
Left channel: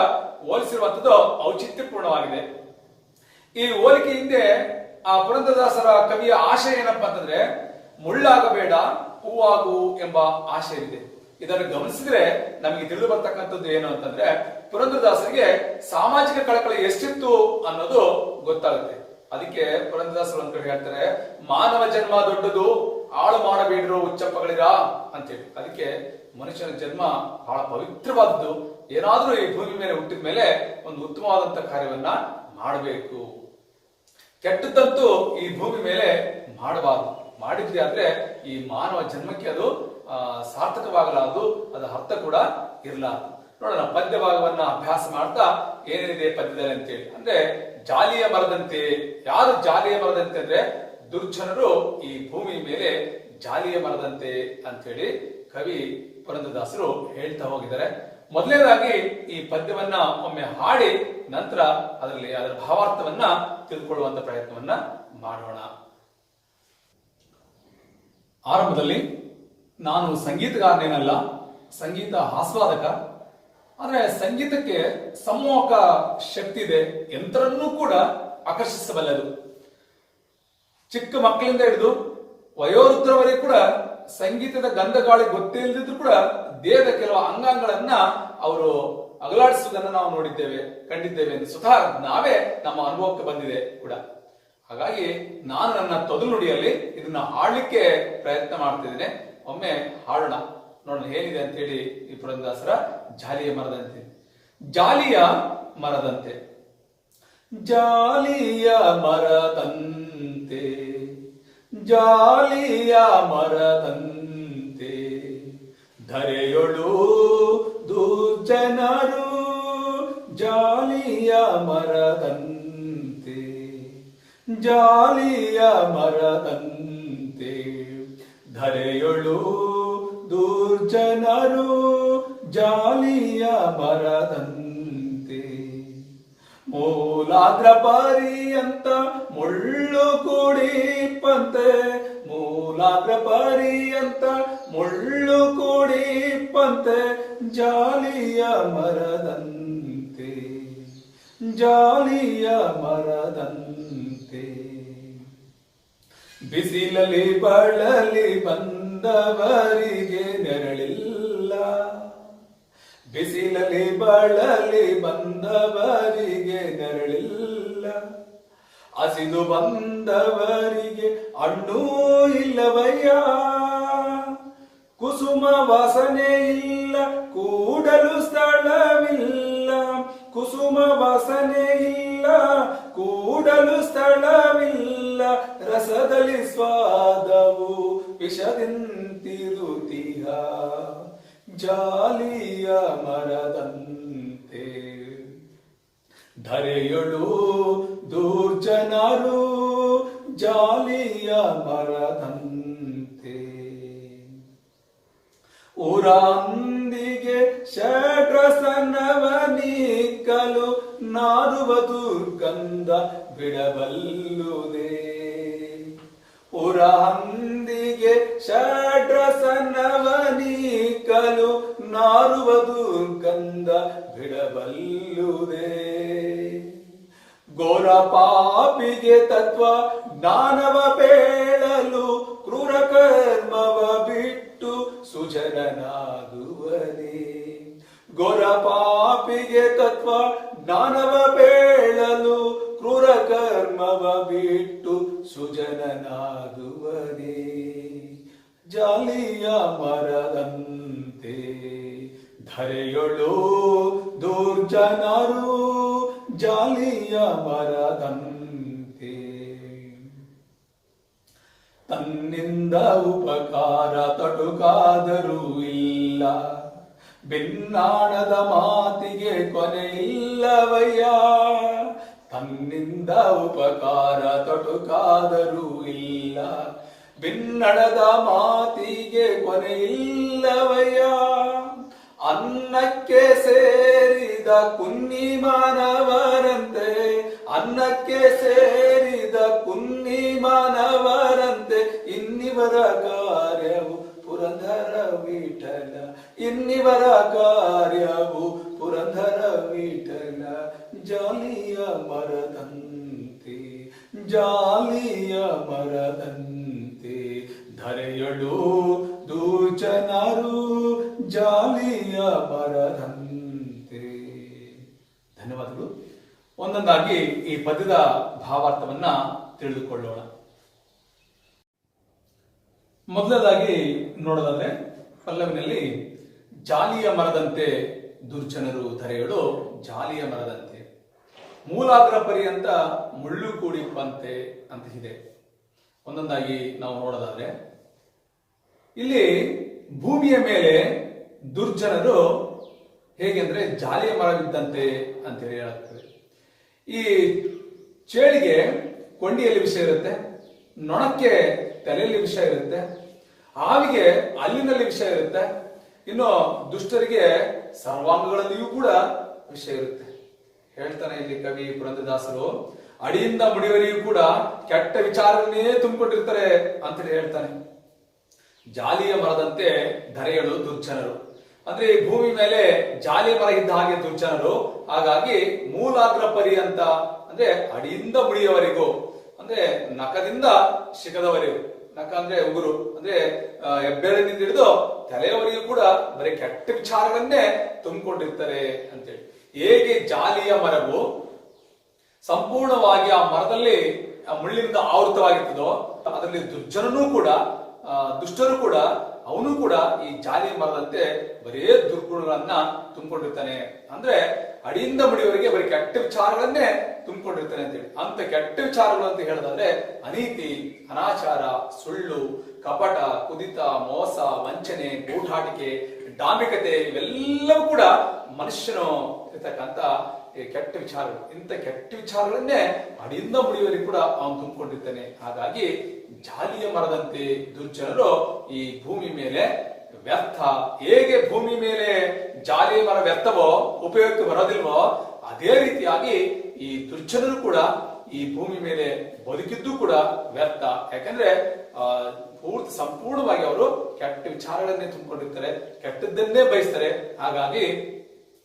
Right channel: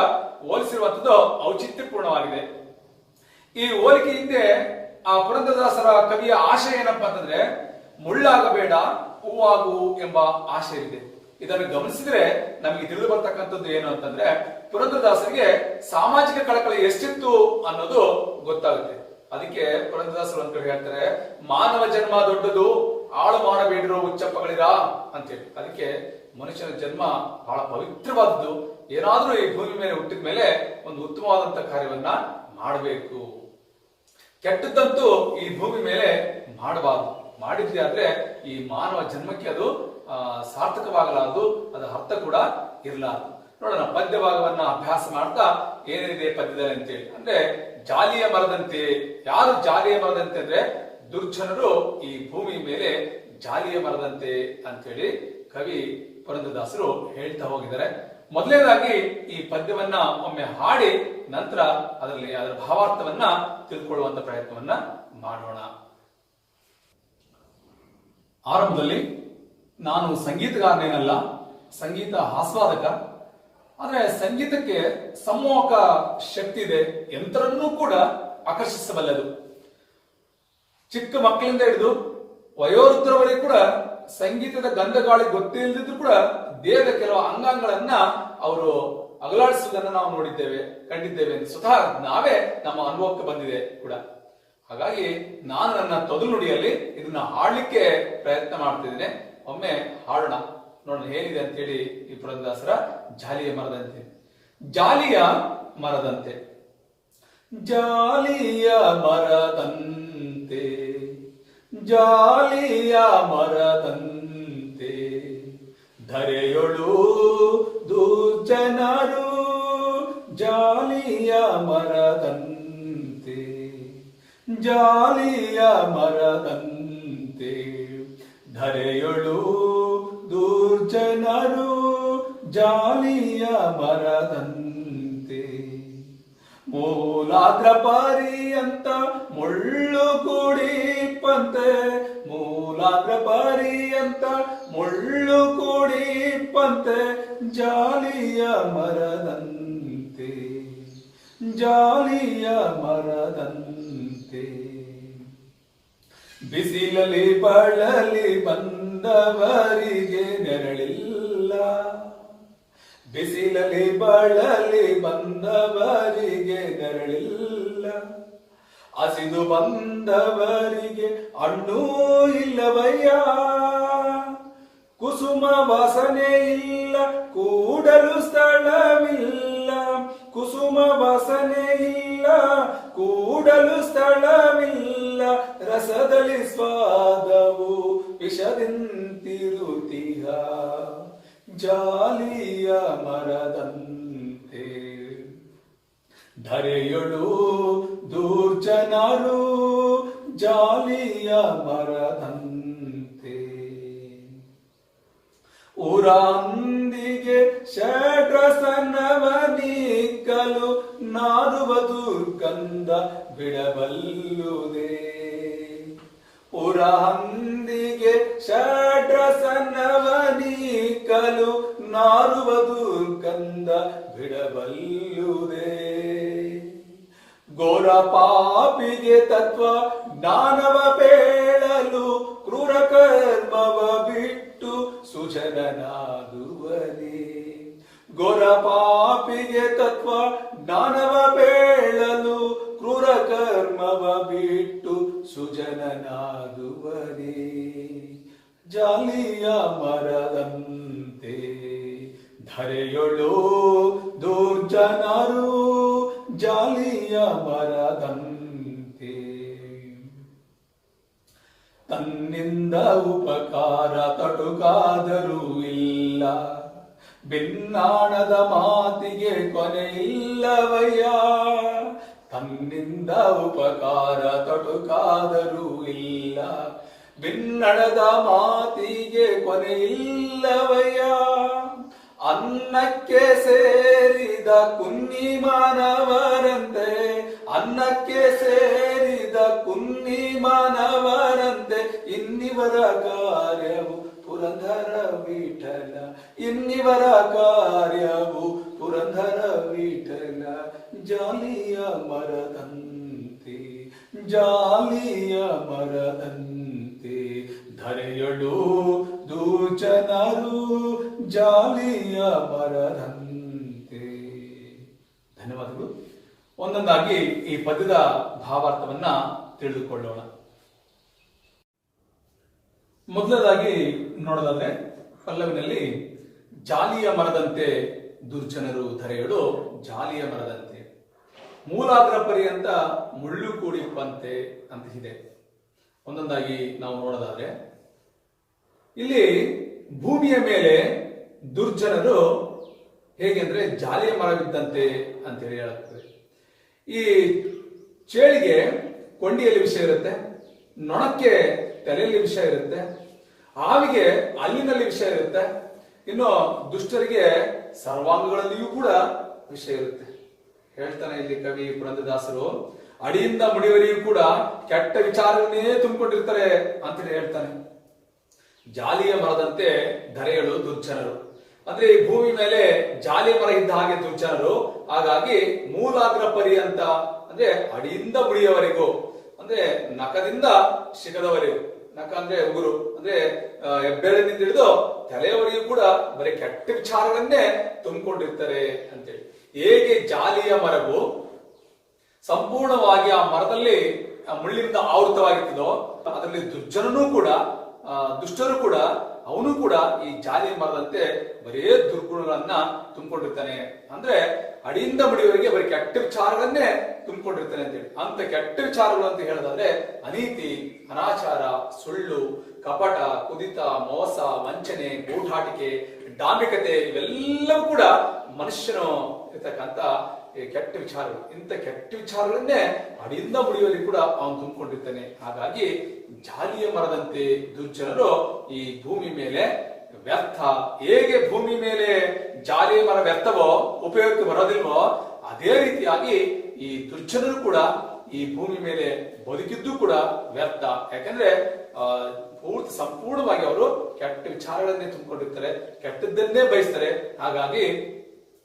ಹೋಲಿಸಿರುವಂತದ್ದು ಔಚಿತ್ಯಪೂರ್ಣವಾಗಿದೆ. ಈ ಹೋಲಿಕೆ ಹಿಂದೆ ಆ ಪುರಂದರದಾಸರ ಕವಿಯ ಆಶಯ ಏನಪ್ಪಾ ಅಂತಂದ್ರೆ ಮುಳ್ಳಾಗಬೇಡ ಹೂವಾಗು ಎಂಬ ಆಶಯ ಇದೆ. ಇದನ್ನು ಗಮನಿಸಿದ್ರೆ ನಮಗೆ ತಿಳಿದು ಬರ್ತಕ್ಕಂಥದ್ದು ಏನು ಅಂತಂದ್ರೆ ಪುರಂದರದಾಸರಿಗೆ ಸಾಮಾಜಿಕ ಕಳಕಳಿ ಎಷ್ಟಿತ್ತು ಅನ್ನೋದು ಗೊತ್ತಾಗುತ್ತೆ. ಅದಕ್ಕೆ ಪುರಂದರದಾಸರು ಅಂತ ಹೇಳ್ತಾರೆ, ಮಾನವ ಜನ್ಮ ದೊಡ್ಡದು, ಹಾಳು ಮಾಡಬೇಡಿರೋ ಹುಚ್ಚಪ್ಪಗಳಿರ ಅಂತೇಳಿ. ಅದಕ್ಕೆ ಮನುಷ್ಯನ ಜನ್ಮ ಬಹಳ ಪವಿತ್ರವಾದದ್ದು. ಏನಾದ್ರೂ ಈ ಭೂಮಿ ಮೇಲೆ ಹುಟ್ಟಿದ ಮೇಲೆ ಒಂದು ಉತ್ತಮವಾದಂತಹ ಕಾರ್ಯವನ್ನ ಮಾಡಬೇಕು. ಕೆಟ್ಟದ್ದಂತೂ ಈ ಭೂಮಿ ಮೇಲೆ ಮಾಡಬಾರದು. ಮಾಡಿದ್ದೆ ಆದ್ರೆ ಈ ಮಾನವ ಜನ್ಮಕ್ಕೆ ಅದು ಸಾರ್ಥಕವಾಗಲಾರದು, ಅದರ ಅರ್ಥ ಕೂಡ ಇರಲಾರದು. ನೋಡೋಣ ಪದ್ಯ ಭಾಗವನ್ನ ಅಭ್ಯಾಸ ಮಾಡ್ತಾ ಏನೇನಿದೆ ಪದ್ಯದಲ್ಲಿ ಅಂತೇಳಿ. ಅಂದ್ರೆ ಜಾಲಿಯ ಮರದಂತೆ. ಯಾರು ಜಾಲಿಯ ಮರದಂತೆ ಅಂದ್ರೆ ದುರ್ಜನರು ಈ ಭೂಮಿ ಮೇಲೆ ಜಾಲಿಯ ಮರದಂತೆ ಅಂತೇಳಿ ಕವಿ ಪುರಂದರದಾಸರು ಹೇಳ್ತಾ ಹೋಗಿದ್ದಾರೆ. ಮೊದಲನೇದಾಗಿ ಈ ಪದ್ಯವನ್ನ ಒಮ್ಮೆ ಹಾಡಿ ನಂತರ ಅದರಲ್ಲಿ ಅದರ ಭಾವಾರ್ಥವನ್ನ ತಿಳಿದುಕೊಳ್ಳುವಂತ ಪ್ರಯತ್ನವನ್ನ ಮಾಡೋಣ. ಆರಂಭದಲ್ಲಿ ನಾನು ಸಂಗೀತಗಾರನೇನಲ್ಲ, ಸಂಗೀತ ಆಸ್ವಾದಕ. ಆದ್ರೆ ಸಂಗೀತಕ್ಕೆ ಸಮೂಹಕ ಶಕ್ತಿ ಇದೆ, ಎಂತರನ್ನೂ ಕೂಡ ಆಕರ್ಷಿಸಬಲ್ಲದು. ಚಿಕ್ಕ ಮಕ್ಕಳಿಂದ ಹಿಡಿದು ವಯೋವೃದ್ಧರವರೆಗೂ ಕೂಡ ಸಂಗೀತದ ಗಂಧಗಾಳಿ ಗೊತ್ತಿಲ್ಲದಿದ್ರು ಕೂಡ ದೇಹದ ಕೆಲವು ಅಂಗಾಂಗಗಳನ್ನ ಅವರು ಅಗಲಾಡಿಸುವುದನ್ನು ನಾವು ನೋಡಿದ್ದೇವೆ, ಕಂಡಿದ್ದೇವೆ. ಸ್ವತಃ ನಾವೇ ನಮ್ಮ ಅನುಭವಕ್ಕೆ ಬಂದಿದೆ ಕೂಡ. ಹಾಗಾಗಿ ನಾನು ನನ್ನ ತೊದಲು ನುಡಿಯಲ್ಲಿ ಇದನ್ನ ಹಾಡ್ಲಿಕ್ಕೆ ಪ್ರಯತ್ನ ಮಾಡ್ತಿದ್ದೇನೆ. ಒಮ್ಮೆ ಹಾಡೋಣ, ನೋಡೋಣ ಹೇಗಿದೆ ಅಂತ ಹೇಳಿ ಈ ಪುರಂದರದಾಸರ ಜಾಲಿಯ ಮರದಂತೆ. ಜಾಲಿಯ ಮರದಂತೆ. ಜಾಲಿಯ ಮರದಂತೆ, ಜಾಲಿಯ ಮರದಂತೆ, ಧರೆಯೊಳು ದುರ್ಜನರು ಜಾಲಿಯ ಮರದಂತೆ, ಜಾಲಿಯ ಮರದಂತೆ, ಧರೆಯೊಳು ದುರ್ಜನರು ಜಾಲಿಯ ಮರದಂತೆ, ಮೂಲಾಗ್ರ ಪರ್ಯಂತ ಮುಳ್ಳು ಕೂಡಿಪ್ಪಂತೆ, ಮೂಲಾಗ್ರ ಪರ್ಯಂತ ಮುಳ್ಳು ಕೂಡಿಪ್ಪಂತೆ, ಜಾಲಿಯ ಮರದಂತೆ, ಜಾಲಿಯ ಮರದಂತೆ. ಬಿಸಿಲಲ್ಲಿ ಬಳಲಿ ಬಂದವರಿಗೆ ನೆರಳಿಲ್ಲ, ಬಿಸಿಲಲ್ಲಿ ಬಳಲಿ ಬಂದವರಿಗೆ ನೆರಳಿಲ್ಲ, ಹಸಿದು ಬಂದವರಿಗೆ ಹಣ್ಣು ಇಲ್ಲವಯ್ಯ, ಕುಸುಮ ವಾಸನೆ ಇಲ್ಲ ಕೂಡಲು ಸ್ಥಳವಿಲ್ಲ, ಕುಸುಮ ವಾಸನೆ ಇಲ್ಲ ಕೂಡಲು ಸ್ಥಳವಿಲ್ಲ, ರಸದಲ್ಲಿ ಸ್ವಾದವು ವಿಷದಿಂತಿರುತ್ತೀಯ, ಜಾಲಿಯ ಮರದಂತೆ, ಧರೆಯೊಳು ದುರ್ಜನರು ಜಾಲಿಯ ಮರದಂತೆ. ಊರಂದಿಗೆ ಷಡ್ರಸನವನಿಕ್ಕಲು ನಾಡುವ ದುರ್ಗಂಧ ಬಿಡಬಲ್ಲುದೇ, ಊರಂದಿಗೆ ಷಡ್ರಸನವನಿಕ್ಕಲು ನಾರುವ ದುರ್ಗಂಧ ಬಿಡಬಲ್ಲುದೇ, ಘೋರ ಪಾಪಿಗೆ ತತ್ವ ಜ್ಞಾನವ ಬೇಳಲು ಕ್ರೂರ ಕರ್ಮವ ಬಿಟ್ಟು ಸುಜನನಾಗುವನೇ, ಘೋರ ಪಾಪಿಗೆ ತತ್ವ ಜ್ಞಾನವ ಬೇಳಲು ಕ್ರೂರ ಕರ್ಮವ ಬಿಟ್ಟು ಸುಜನನಾಗುವನೇ, ಜಾಲಿಯ ಮರದಂತೆ, ಧರೆಯೊಳು ದುರ್ಜನರು ಜಾಲಿಯ ಮರದಂತೆ, ತನ್ನಿಂದ ಉಪಕಾರ ತೊಡಕಾದರೂ ಇಲ್ಲ, ಭಿನ್ನಾಣದ ಮಾತಿಗೆ ಕೊನೆಯಿಲ್ಲವಯ್ಯ. ತನ್ನಿಂದ ಉಪಕಾರ ತೊಡಕಾದರೂ ಇಲ್ಲ, ಭಿನ್ನಣದ ಮಾತಿಗೆ ಕೊನೆಯಿಲ್ಲವಯ್ಯ. ಅನ್ನಕ್ಕೆ ಸೇರಿದ ಕುನ್ನಿ ಮಾನವರಂತೆ, ಅನ್ನಕ್ಕೆ ಸೇರಿದ ಕುನ್ನಿ ಮಾನವರಂತೆ, ಇನ್ನಿವರ ಕಾರ್ಯವು ಪುರಂದರ ವಿಠಲ, ಇನ್ನಿವರ ಕಾರ್ಯವು ಪುರಂದರ ವಿಠಲ. ಜಾಲಿಯ ಮರದಂತೆ, ಜಾಲಿಯ ಮರದಂತೆ, ಧರೆಯಳು ದುರ್ಜನರು ಜಾಲಿಯ ಮರದಂತೆ. ಧನ್ಯವಾದಗಳು. ಒಂದೊಂದಾಗಿ ಈ ಪದ್ಯದ ಭಾವಾರ್ಥವನ್ನ ತಿಳಿದುಕೊಳ್ಳೋಣ. ಮೊದಲದಾಗಿ ನೋಡೋದಾದ್ರೆ ಪಲ್ಲವಿನಲ್ಲಿ ಜಾಲಿಯ ಮರದಂತೆ ದುರ್ಜನರು ಧರೆಯಳು ಜಾಲಿಯ ಮರದಂತೆ, ಮೂಲಾಗ್ರ ಪರ್ಯಂತ ಮುಳ್ಳು ಕೂಡಿಪ್ಪಂತೆ ಅಂತ ಇದೆ. ಒಂದೊಂದಾಗಿ ನಾವು ನೋಡೋದಾದ್ರೆ ಇಲ್ಲಿ ಭೂಮಿಯ ಮೇಲೆ ದುರ್ಜನರು ಹೇಗೆಂದ್ರೆ ಜಾಲಿಯ ಮರವಿದ್ದಂತೆ ಅಂತ ಹೇಳಿ ಹೇಳುತ್ತದೆ. ಈ ಚೇಳಿಗೆ ಕೊಂಡಿಯಲ್ಲಿ ವಿಷ ಇರುತ್ತೆ, ನೊಣಕ್ಕೆ ತಲೆಯಲ್ಲಿ ವಿಷ ಇರುತ್ತೆ, ಹಾವಿಗೆ ಹಲ್ಲಿನಲ್ಲಿ ವಿಷ ಇರುತ್ತೆ, ಇನ್ನು ದುಷ್ಟರಿಗೆ ಸರ್ವಾಂಗಗಳಲ್ಲಿಯೂ ಕೂಡ ವಿಷ ಇರುತ್ತೆ. ಹೇಳ್ತಾನೆ ಇಲ್ಲಿ ಕವಿ ಪುರಂದರದಾಸರು, ಅಡಿಯಿಂದ ಮುಡಿಯವರಿಗೂ ಕೂಡ ಕೆಟ್ಟ ವಿಚಾರವನ್ನೇ ತುಂಬಿಕೊಂಡಿರ್ತಾರೆ ಅಂತ ಹೇಳ್ತಾನೆ. ಜಾಲಿಯ ಮರದಂತೆ ಧರೆಯಳು ದುರ್ಜನರು ಅಂದ್ರೆ ಈ ಭೂಮಿ ಮೇಲೆ ಜಾಲಿಯ ಮರ ಇದ್ದ ಹಾಗೆ ದುರ್ಜನರು. ಹಾಗಾಗಿ ಮೂಲಾಗ್ರ ಪರ್ಯಂತ ಅಂದ್ರೆ ಅಡಿಯಿಂದ ಮುಡಿಯವರೆಗೂ, ಅಂದ್ರೆ ನಖದಿಂದ ಶಿಖದವರೆಗೂ, ನಖ ಅಂದ್ರೆ ಉಗುರು ಅಂದ್ರೆ ಹೆಬ್ಬೆರಳಿನಿಂದ ಹಿಡಿದು ತಲೆಯವರೆಗೂ ಕೂಡ ಬರೀ ಕೆಟ್ಟ ವಿಚಾರಗಳನ್ನೇ ತುಂಬಿಕೊಂಡಿರ್ತಾರೆ ಅಂತೇಳಿ. ಹೇಗೆ ಜಾಲಿಯ ಮರವು ಸಂಪೂರ್ಣವಾಗಿ ಆ ಮರದಲ್ಲಿ ಮುಳ್ಳಿನಿಂದ ಆವೃತವಾಗಿರ್ತದೋ, ಅದರಲ್ಲಿ ದುರ್ಜನನೂ ಕೂಡ ದುಷ್ಟರು ಕೂಡ ಅವನು ಕೂಡ ಈ ಜಾಲಿಯ ಮರದಂತೆ ಬರೇ ದುರ್ಗುಣಗಳನ್ನ ತುಂಬಿಕೊಂಡಿರ್ತಾನೆ. ಅಂದ್ರೆ ಅಡಿಯಿಂದ ಮುಡಿಯವರೆಗೆ ಬರೀ ಕೆಟ್ಟ ವಿಚಾರಗಳನ್ನೇ ತುಂಬಿಕೊಂಡಿರ್ತಾನೆ ಅಂತೇಳಿ. ಅಂತ ಕೆಟ್ಟ ವಿಚಾರಗಳು ಅಂತ ಹೇಳೋದಾದ್ರೆ ಅನೀತಿ, ಅನಾಚಾರ, ಸುಳ್ಳು, ಕಪಟ, ಕುದಿತ, ಮೋಸ, ವಂಚನೆ, ಗೂಢಾಟಿಕೆ, ಡಾಂಬಿಕತೆ ಇವೆಲ್ಲವೂ ಕೂಡ ಮನುಷ್ಯನು ಇರ್ತಕ್ಕಂಥ ಕೆಟ್ಟ ವಿಚಾರಗಳು. ಇಂಥ ಕೆಟ್ಟ ವಿಚಾರಗಳನ್ನೇ ಅಡಿಯಿಂದ ಮುಡಿಯವರೆಗೂ ಕೂಡ ಅವನು ತುಂಬಿಕೊಂಡಿರ್ತಾನೆ. ಹಾಗಾಗಿ ಜಾಲಿಯ ಮರದಂತೆ ದುರ್ಜನರು ಈ ಭೂಮಿ ಮೇಲೆ ವ್ಯರ್ಥ. ಹೇಗೆ ಭೂಮಿ ಮೇಲೆ ಜಾಲಿಯ ಮರ ವ್ಯರ್ಥವೋ, ಉಪಯೋಗಕ್ಕೆ ಬರೋದಿಲ್ವೋ, ಅದೇ ರೀತಿಯಾಗಿ ಈ ದುರ್ಜನರು ಕೂಡ ಈ ಭೂಮಿ ಮೇಲೆ ಬದುಕಿದ್ದು ಕೂಡ ವ್ಯರ್ಥ. ಯಾಕಂದ್ರೆ ಪೂರ್ತಿ ಸಂಪೂರ್ಣವಾಗಿ ಅವರು ಕೆಟ್ಟ ವಿಚಾರಗಳನ್ನೇ ತುಂಬಿಕೊಂಡಿರ್ತಾರೆ, ಕೆಟ್ಟದ್ದನ್ನೇ ಬಯಸ್ತಾರೆ. ಹಾಗಾಗಿ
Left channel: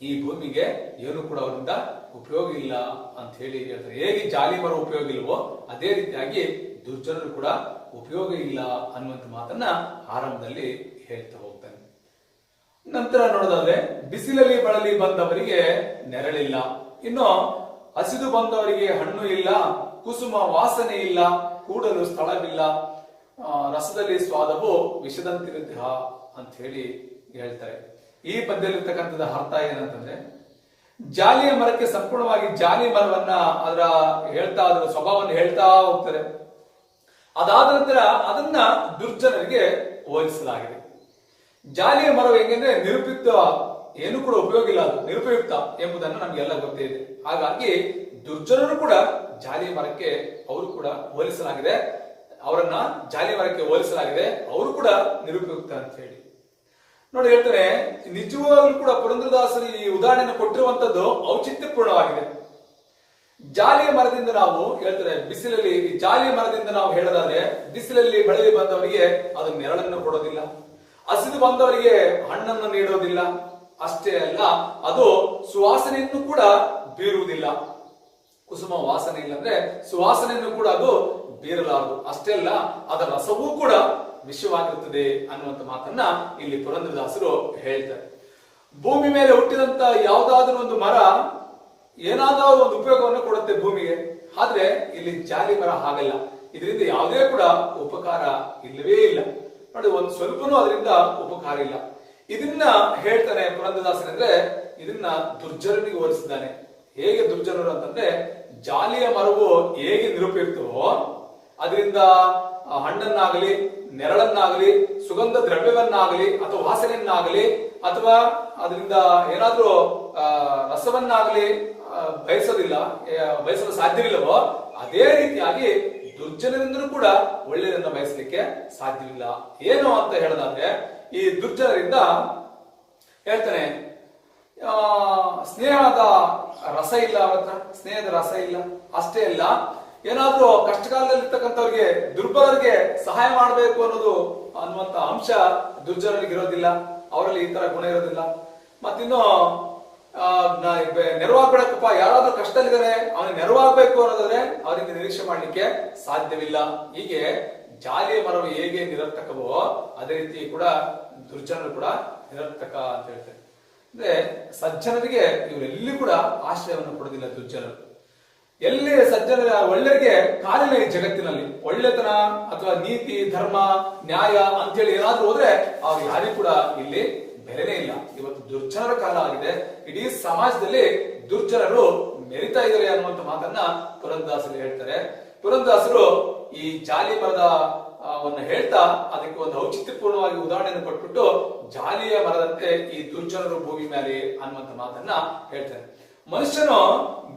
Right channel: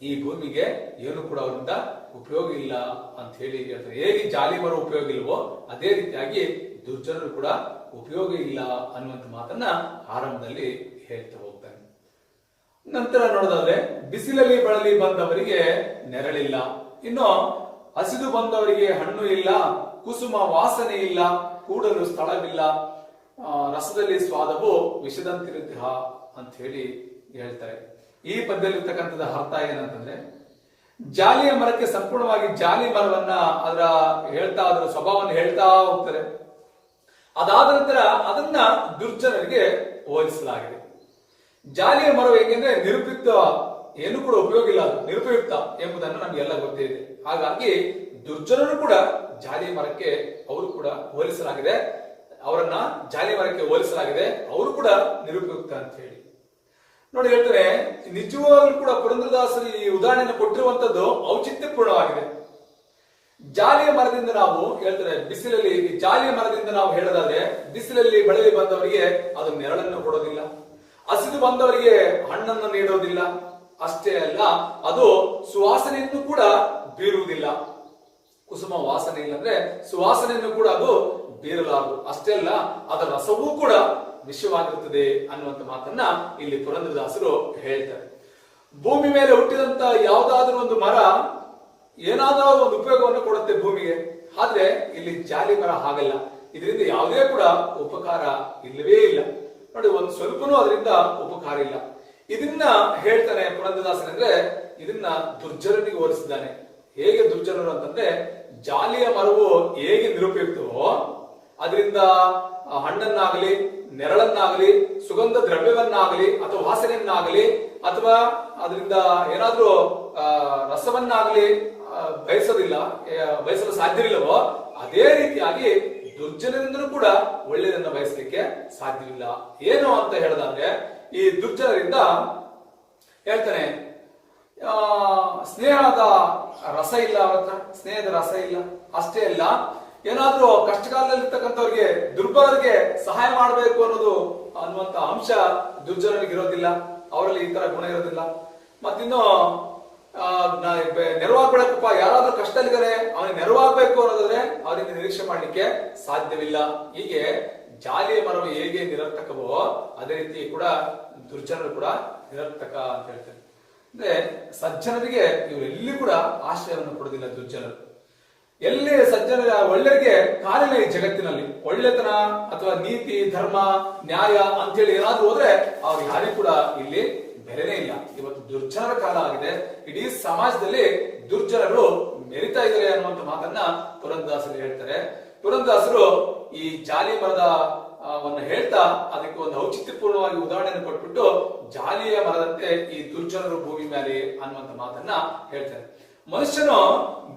ಈ ಭೂಮಿಗೆ ಏನು ಕೂಡ ಅವರಿಂದ ಉಪಯೋಗ ಇಲ್ಲ ಅಂತ ಹೇಳಿ ಹೇಳ್ತಾರೆ. ಹೇಗೆ ಜಾಲಿ ಮರ ಉಪಯೋಗ ಇಲ್ವೋ ಅದೇ ರೀತಿಯಾಗಿ ದುರ್ಜನರು ಕೂಡ ಉಪಯೋಗ ಇಲ್ಲ ಅನ್ನುವಂಥ ಮಾತನ್ನ ಆರಂಭದಲ್ಲಿ ಹೇಳ್ತಾ ಹೋಗ್ತಾನೆ. ನಂತರ ನೋಡೋದಾದ್ರೆ ಬಿಸಿಲಲ್ಲಿ ಬಳಲಿ ಬಂದವರಿಗೆ ನೆರಳಿಲ್ಲ, ಇನ್ನು ಹಸಿದು ಬಂದವರಿಗೆ ಹಣ್ಣು ಇಲ್ಲ, ಕುಸುಮ ವಾಸನೆ ಇಲ್ಲ, ಕೂಡಲು ಸ್ಥಳವಿಲ್ಲ, ರಸದಲ್ಲಿ ಸ್ವಾದವು ವಿಷದಂತಿರುತ್ತ ಅಂತ ಹೇಳಿ ಹೇಳ್ತಾರೆ. ಈ ಪದ್ಯದಲ್ಲಿರ್ತಕ್ಕಂಥದ್ದು ಅರ್ಥ ಏನಂತಂದ್ರೆ, ಜಾಲಿಯ ಮರಕ್ಕೆ ಸಂಪೂರ್ಣವಾಗಿ ಜಾಲಿ ಮರವನ್ನ ಅದರ ಹೇಳ್ತಾ ಅದರ ಸ್ವಭಾವವನ್ನು ಹೇಳ್ತಾ ಹೋಗ್ತಾರೆ. ಅದಾದ ನಂತರ ಅದನ್ನ ದುರ್ಜನರಿಗೆ ಹೋಲಿಸಲಾಗಿದೆ. ಜಾಲಿಯ ಮರವು ಹೆಂಗಂದ್ರೆ ನಿರುಪಯುಕ್ತ, ಏನು ಕೂಡ ಉಪಯೋಗ ಇಲ್ಲ, ಅದು ನಿರುಪಯುಕ್ತ ಎಂಬುದನ್ನು ನಮಗೆಲ್ಲ ಗೊತ್ತೇ ಇದೆ. ಹಾಗಾಗಿ ದುರ್ಜನರು ಕೂಡ ಜಾಲಿಯ ಮರಕ್ಕೆ ಅವರು ಕೂಡ ಹೋಲಿಸಲಾಗಿದೆ, ಅವರನ್ನ ಜಾಲಿ ಮರಕ್ಕೆ ಹೋಲಿಸಲಾಗಿದೆ, ಅವರು ಕೂಡ ನಿರುಪಯುಕ್ತ ಅಂತ ಹೇಳಿ ನೋಡಿ ಹೇಳ್ತಾರೆ. ನಿಜವಾಗ್ಲೂ ಕೂಡ ಪುರಂದರದಾಸರು ಈ ಉದಾಹರಣೆಯನ್ನು ಕೊಟ್ಟಿರುವಂತದ್ದು ಔಚಿತ್ಯಪೂರ್ಣವಾಗಿದೆ. ಜಾಲಿಯ ಮರದಿಂದ ನಾವು ಹೇಳ್ತಾರೆ, ಬಿಸಿಲಲ್ಲಿ ಜಾಲಿಯ ಮರದಿಂದ ನಾವು ಹೇಳೋದಾದ್ರೆ ಬಿಸಿಲಲ್ಲಿ ಬಳಲಿ ಬಂದವರಿಗೆ ಅದು ನೆರಳನ್ನು ಕೊಡೋದಿಲ್ಲ, ಹಸಿದು ಬಂದವರಿಗೆ ಹಣ್ಣನ್ನು ನೀಡೋದಿಲ್ಲ, ಅಷ್ಟೇ ಅಲ್ಲ ಅದು ಸುವಾಸನೆಯನ್ನು ಕೂಡ ಬೀರುವುದಿಲ್ಲ. ಕುಸುಮ ವಾಸನೆ ಇಲ್ಲ ಅಂದ್ರೆ ಸುವಾಸನೆಯನ್ನು ಕೂಡ ಅದು ಬೀರಲಾರದು. ಅಷ್ಟೇ ಅಲ್ಲ ಅದರ ರಸವೂ ಕೂಡ ವಿಷವಾಗಿರುತ್ತದೆ ಅನ್ನುವಂಥ ಮಾತನ್ನ ಇಲ್ಲಿ ಪುರಂದರದಾಸರು ಹೇಳ್ತಾರೆ. ಭೂಮಿ ಮೇಲೆ ಹುಟ್ಟಿದಂತ ಯಾವುದಾದ್ರೂ ಒಂದು ಮರ ಏನಾದ್ರೂ ಒಂದು ಉಪಯೋಗವನ್ನು ಕೊಡುತ್ತೆ ಭೂಮಿಗೆ. ಆದ್ರೆ ಇಲ್ಲಿ ಜಾಲಿ ಮರ ಹಾಗಲ್ಲ, ಇದರಿಂದ ಯಾವುದೇ ಕೂಡ ಉಪಕಾರ ಇಲ್ಲವೇ ಇಲ್ಲ. ನೋಡಿ, ಒಂದು ಸ್ವಲ್ಪನೂ ಅದರಿಂದ ಉಪಕಾರ ಇಲ್ಲ. ಇದನ್ನ ಹೇಳ್ತಾನೆ ಪುರಂದರದಾಸರಂದ್ರೆ ಇದನ್ನ ದುರ್ಜನರಿಗೆ ಹೋಲಿಸಿದ್ದಾನೆ. ಹೇಗೆ ದುರ್ಜನರು ಅಂತಂದ್ರೆ, ಜಾಲಿಯ ಮರವು ಹೇಗೆ ನಿರುಪಯುಕ್ತವೋ ಅದರಿಂದ ಹಣ್ಣನ್ನಾಗಲಿ, ನೆರಳನ್ನಾಗಲಿ, ಸುಗಂಧ ದ್ರವ್ಯವನ್ನಾಗಲಿ ಅಥವಾ ವಾಸನೆಯನ್ನಾಗಲಿ ಅಥವಾ ಅದರಿಂದ ಏನಾದ್ರೂ ರಸವನ್ನಾಗಲಿ ಬಯಸಲು ಸಾಧ್ಯವಿಲ್ಲವೋ ಅದೇ ರೀತಿಯಾಗಿ ದುರ್ಜನರಿಂದಲೂ ಕೂಡ ಒಳ್ಳೆಯದನ್ನ ಬಯಸಲಿಕ್ಕೆ ಸಾಧ್ಯವಿಲ್ಲ. ಏನು ಅಂತ ಹೇಳೋದಾದ್ರೆ, ಈ ದುರ್ಜನರಿಂದ ಹೇಳ್ತಾನೆ ಸ್ನೇಹದ ರಸ ಇಲ್ಲ, ಅವ್ರ ಹತ್ರ ಸ್ನೇಹದ ರಸ ಇಲ್ಲ. ಅಷ್ಟೇ ಅಲ್ಲ, ಏನಾದ್ರೂ ಕಷ್ಟಕಾಲದಲ್ಲಿ ಇರ್ತಕ್ಕಂಥವ್ರಿಗೆ, ದುರ್ಬಲರಿಗೆ ಸಹಾಯ ಮಾಡಬೇಕು ಅನ್ನುವಂತ ಅಂಶ ದುರ್ಜನರಿಗೆ ಇರೋದಿಲ್ಲ. ಅವರಲ್ಲಿ ಈ ತರ ಗುಣ ಇರೋದಿಲ್ಲ. ಮತ್ತಿನ್ನು ನೆರವಾಗ್ಬೇಕಪ್ಪ, ಯಾರಾದ್ರೂ ಕಷ್ಟದಲ್ಲಿದ್ದಾರೆ ಅವನಿಗೆ ನೆರವಾಗಬೇಕು ಅನ್ನೋದಾದ್ರೆ ಅವರಿಗೆ ನಿರೀಕ್ಷೆ ಮಾಡ್ಲಿಕ್ಕೆ ಸಾಧ್ಯವಿಲ್ಲ. ಹೀಗೆ ಜಾಲಿಯ ಮರವು ಹೇಗೆ ನಿರರ್ಥಕವೋ ಅದೇ ರೀತಿ ಕೂಡ ದುರ್ಜನರು ಕೂಡ ನಿರರ್ಥಕ ಅಂತ ಹೇಳ್ತಾರೆ. ಅಂದ್ರೆ ಸಜ್ಜನರಿಗೆ ಇವರೆಲ್ಲಿ ಕೂಡ ಆಶ್ರಯವನ್ನು ಕೊಡೋದಿಲ್ಲ ದುರ್ಜನರು. ಎಲ್ಲಿ ಸಜ್ಜನರ ಒಳ್ಳೆಯವರಿಗೆ ಕಾಲಿಲ್ಲ ಈ ಜಗತ್ತಿನಲ್ಲಿ. ಒಳ್ಳೆತನ ಅಥವಾ ನೀತಿ, ಧರ್ಮ, ನ್ಯಾಯ ಅಂತೇಳಿ ಏನಾದ್ರೂ ಹೋದ್ರೆ ಅವ್ರು ಯಾರಿಗೂ ಕೂಡ ಇಲ್ಲಿ ಬೆಲೆನೇ ಇಲ್ಲ. ಇವತ್ತು ದುರ್ಜನರ ಕಾಲ ಆಗಿದೆ. ಇಡೀ ಸಮಾಜದಲ್ಲಿ ದುರ್ಜನರು ಮೆರಿತಾ ಇದ್ದಾರೆ ಅನ್ನುವಂತ ಮಾತನ್ನ ಪುರಂದರದಾಸರು ಹೇಳ್ತಾರೆ. ಪುರಂದರದಾಸರು ಈ ಜಾಲಿ ಮರದ ಹೇಳ್ತಾ ಅದಕ್ಕೆ ಒಂದು ಔಚಿತ್ಯಪೂರ್ಣವಾಗಿ ಉದಾಹರಣೆಯನ್ನು ಕೊಟ್ಬಿಟ್ಟು, ಜಾಲಿಯ ಮರದಂತೆ ಈ ದುರ್ಜನರು ಭೂಮಿ ಮೇಲೆ ಅನ್ನುವಂತ ಮಾತನ್ನ ಹೇಳ್ತಾರೆ. ಮನುಷ್ಯನು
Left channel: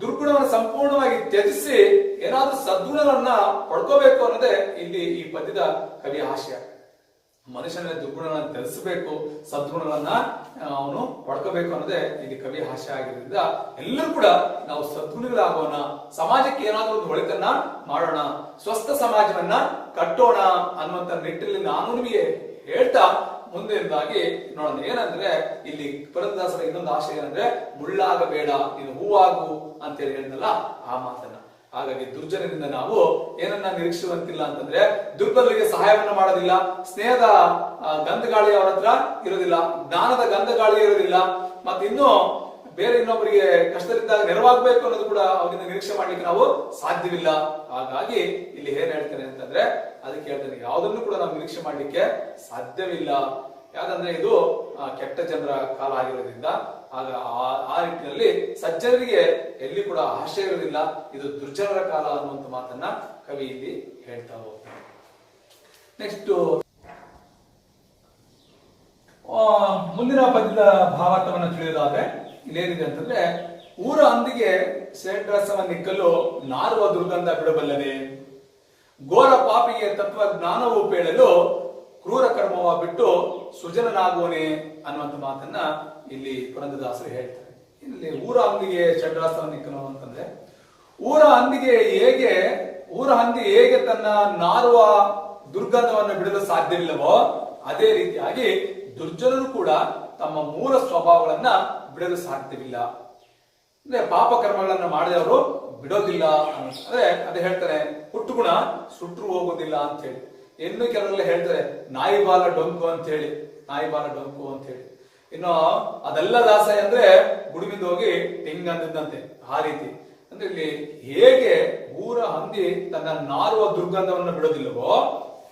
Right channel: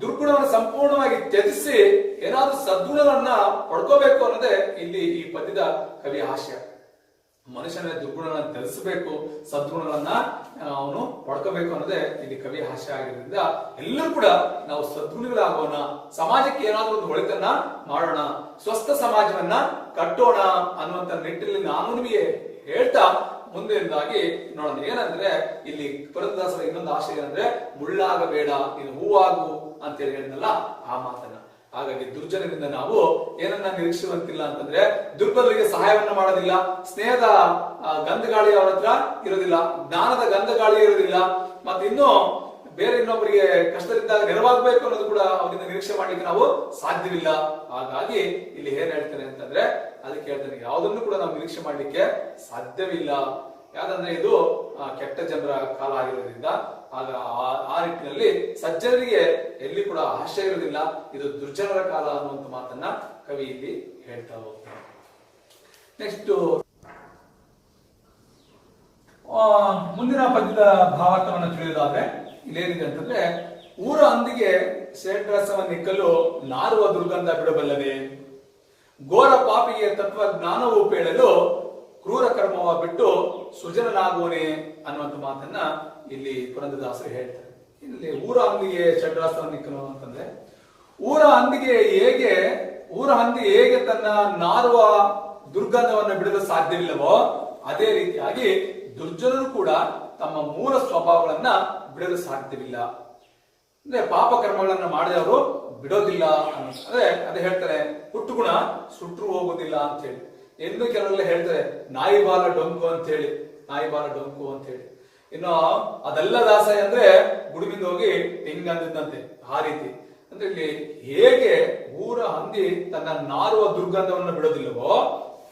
ದುರ್ಗುಣವನ್ನು ಸಂಪೂರ್ಣವಾಗಿ ತ್ಯಜಿಸಿ ಏನಾದ್ರೂ ಸದ್ಗುಣಗಳನ್ನ ಪಡ್ಕೋಬೇಕು ಅನ್ನೋದೇ ಇಲ್ಲಿ ಈ ಪದ್ಯದ ಕವಿ ಆಶಯ. ಮನುಷ್ಯನ ದುರ್ಗುಣಗಳನ್ನ ತ್ಯಜಿಸಬೇಕು, ಸದ್ಗುಣಗಳನ್ನ ಅವನು ಪಡ್ಕೋಬೇಕು ಅನ್ನೋದೇ ಇಲ್ಲಿ ಕವಿ ಆಶಯ ಆಗಿರೋದ್ರಿಂದ ಎಲ್ಲರೂ ಕೂಡ ನಾವು ಸದ್ಗುಣಗಳಾಗೋಣ, ಸಮಾಜಕ್ಕೆ ಏನಾದ್ರೂ ಒಂದು ಒಳಿತನ್ನ ಮಾಡೋಣ, ಸ್ವಸ್ಥ ಸಮಾಜವನ್ನ ಕಟ್ಟೋಣ ಅನ್ನುವಂತ ನಿಟ್ಟಿನಲ್ಲಿ ನಾನು ನಿಮಗೆ ಹೇಳ್ತಾ ಮುಂದೆದಾಗಿ ನೋಡೋಣ. ಏನಂದ್ರೆ ಇಲ್ಲಿ ಪುರಂದರದಾಸರ ಇನ್ನೊಂದು ಆಶಯ ಅಂದ್ರೆ, ಮುಳ್ಳಾಗಬೇಡ ನೀನು ಹೂವಾಗು ಅಂತೇಳಿ ಹೇಳಿದ್ನಲ್ಲ ಆ ಮಾತನ್ನ. ಹಾಗಾಗಿ ದುರ್ಜನರಿಂದ ನಾವು ಏನನ್ನ ನಿರೀಕ್ಷಿಸುವಂತಿಲ್ಲ ಅಂತಂದ್ರೆ, ದುರ್ಬಲರಿಗೆ ಸಹಾಯವನ್ನ ಮಾಡೋದಿಲ್ಲ, ಸ್ನೇಹದ ಗಂಧಗಾಳಿ ಅವರ ಹತ್ರ ಇರೋದಿಲ್ಲ, ಜ್ಞಾನದ ಗಂಧಗಾಳಿ ಇರೋದಿಲ್ಲ, ಮತ್ತಿನ್ನು ಬೇರೆ ಇನ್ನೊಬ್ಬರಿಗೆ ಕಷ್ಟದಲ್ಲಿದ್ದಾಗ ನೆರವಾಗಬೇಕು ಅನ್ನೋದು ಕೂಡ ಅವರಿಂದ ನಿರೀಕ್ಷೆ ಮಾಡ್ಲಿಕ್ಕೆ ನಾವು ಸಾಧ್ಯವಿಲ್ಲ. ಹಾಗಾಗಿ ಇಲ್ಲಿ ಏನ್ ಹೇಳ್ತಾರೆ ಅಂತಂದ್ರೆ, ಅದಕ್ಕೆ ಹೇಳ್ತಾನೆ ಯಾವುದನ್ನು ಕೂಡ ನಾವು ನಿರೀಕ್ಷೆ ಮಾಡ್ಲಿಕ್ಕೆ ಸಾಧ್ಯವಿಲ್ಲ. ಯಾಕಂದ್ರೆ ಇದು ಕೆಟ್ಟ ಜನರ ಕಾಲ ಆಗಿರೋದ್ರಿಂದ ಆಗ ಆ ನಿಟ್ಟಿನಲ್ಲಿ ಸಜ್ಜನರಿಗೆ ಎಲ್ಲಿ ಕೂಡ ಆಶಯ ಇರೋದಿಲ್ಲ. ಇದು ದುರ್ಜನರ ಕಾಲ ಅನ್ನುವಂತ ಮಾತನ್ನ ಕವಿ ಇಲ್ಲಿ ಹೇಳ್ತಾ ಹೋಗ್ತಾರೆ. ನೆಕ್ಸ್ಟ್ ಮುಂದಿನ ಪದ್ಯದ ಭಾವಾರ್ಥವನ್ನು ತಿಳಿಯೋದಾದ್ರೆ ಇಲ್ಲೇನಿದೆ ಅಂತಂದ್ರೆ, ಊರ ಹಂದಿಗೆ ಶ್ರೇಷ್ಠರಸವನ್ನಿಕ್ಕಲು ನಾರುವ ದುರ್ಗಂಧ ಬಿಡಬಲ್ಲದೆ, ಘೋರ ಪಾಪಿಗೆ ತತ್ವ ಜ್ಞಾನವು ಪೇಳಲು ಕ್ರೂರ ಕರ್ಮವ ಬಿಟ್ಟು ಸುಜನನಾಗುವನೆ ಅನ್ನುವಂಥ ಮಾತನ್ನ ಇಲ್ಲಿ ಪುರಂದರದಾಸರು ಹೇಳ್ತಾರೆ. ಇಲ್ಲಿ ಊರ ಹಂದಿಗೆ ಷಡ್ರಸವನ್ನಿಕ್ಕಲು ಅಂತಂದ್ರೆ, ಊರ ಹಂದಿ ಹೇಗೆ ತನ್ನ ನಾರುವ ದುರ್ಗಂಧವನ್ನು ಬಿಡಲು ಸಾಧ್ಯವಿಲ್ಲವೋ ಅದೇ ರೀತಿಯಾಗಿ ದುರ್ಜನರು ಕೂಡ ತಮ್ಮ ಮೂಲ ಸ್ವಭಾವಗಳನ್ನ ಬಿಡಲು ಸಾಧ್ಯವಿಲ್ಲ. ಅಂದ್ರೆ ಪಾಪ ಕರ್ಮಗಳನ್ನ ಮಾಡಿದವರು ಬಿಡೋದಿಲ್ಲ ಅಂದ್ರೆ ಅದೇ ಹೇಳ್ತಾರೆ, ಹುಟ್ಟುಗುಣ ಸುಟ್ಟರು ಹೋಗೋದಿಲ್ಲ ಅಂತ ಹೇಳಿ. ಇನ್ನು ಕೆಲವೆಲ್ಲ ಹೇಳ್ತಾರೆ ನಾಯಿ ಬಾಲ ಡೊಂಕು ಅಂತ ಹೇಳಿ, ಇನ್ನು ಅದೆಲ್ಲ ದಾಸಯ ಅಂದ್ರೆ ಗುಡುಮಿಂದ ಹೋಗಿ ಹೆಂಗ್ ಅಂದಿದ್ದಂತೆ ಆ ರೀತಿ. ಅಂದ್ರೆ ಇಲ್ಲಿ ಹೇಗೆ ಊರ ಹಂದಿ ತನ್ನ ನಾರುವ ದುರ್ಗಂಧವನ್ನು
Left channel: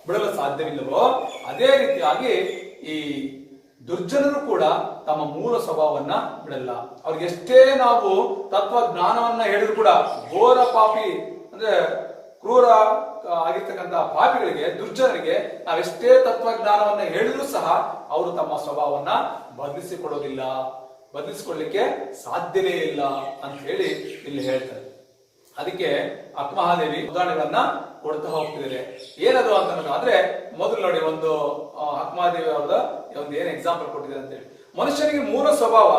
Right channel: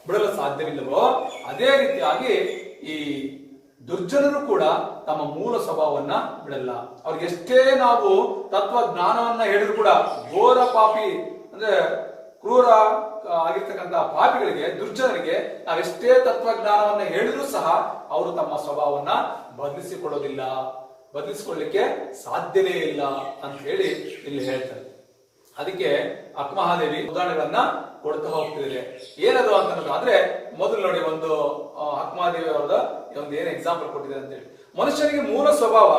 ಬಿಡಲು ಸಾಧ್ಯವಿಲ್ಲವೋ ಅದೇ ರೀತಿಯಾಗಿ ಈ ದುರ್ಜನರು ಕೂಡ ತಮ್ಮ ಮೂಲ ಸ್ವಭಾವವನ್ನ ಬಿಡಲ್ಲ. ಅವ್ರಿಗೆ ಎಷ್ಟೇ ನಾವು ತತ್ವ ಜ್ಞಾನವನ್ನ ಹೇಳಿದ್ರು ಕೂಡ, ಘೋರ ಪಾಪಿ ಅಂದ್ರೆ ಕ್ರೂರ ಆಗಿರ್ತಕ್ಕಂತಹ ಪಾಪಿಗಳಿಗೆ, ದುರ್ಜನರಿಗೆ ನಾವೆಷ್ಟೇ ತತ್ವಜ್ಞಾನವನ್ನ ಹೇಳಿದ್ರು ಸಹ ಅವರು ತಮ್ಮ ಸ್ವಭಾವವನ್ನ ಬದಲಿಸಿಕೊಳ್ಳಿಕ್ಕೆ ಸಾಧ್ಯವೇ ಇಲ್ಲ ಅಂತ ಹೇಳಿ ಇಲ್ಲಿ ಹೇಳ್ತಾರೆ. ಅದಕ್ಕೆ ಅಕ್ಕಮಹಾದೇವಿ ಉದಾಹರಣೆಗಳನ್ನ ಕೊಡ್ತಾ ಹೋಗ್ತಿದ್ದಾರೆ. ಏನದು ಅಂತಂದ್ರೆ, ಮೊದಲು ನೋಡಿ ಒಂದು ಅಕ್ಕಮಹಾದೇವಿ ಅವರದ ಒಂದು ಏನ್ ಎಕ್ಸಾಂಪಲ್ ಕೊಟ್ಟಿದೆ ಅಂತ ಹೇಳಿ. ಮನುಷ್ಯನಿಗೆ ಮೂಲ ಸ್ವಭಾವ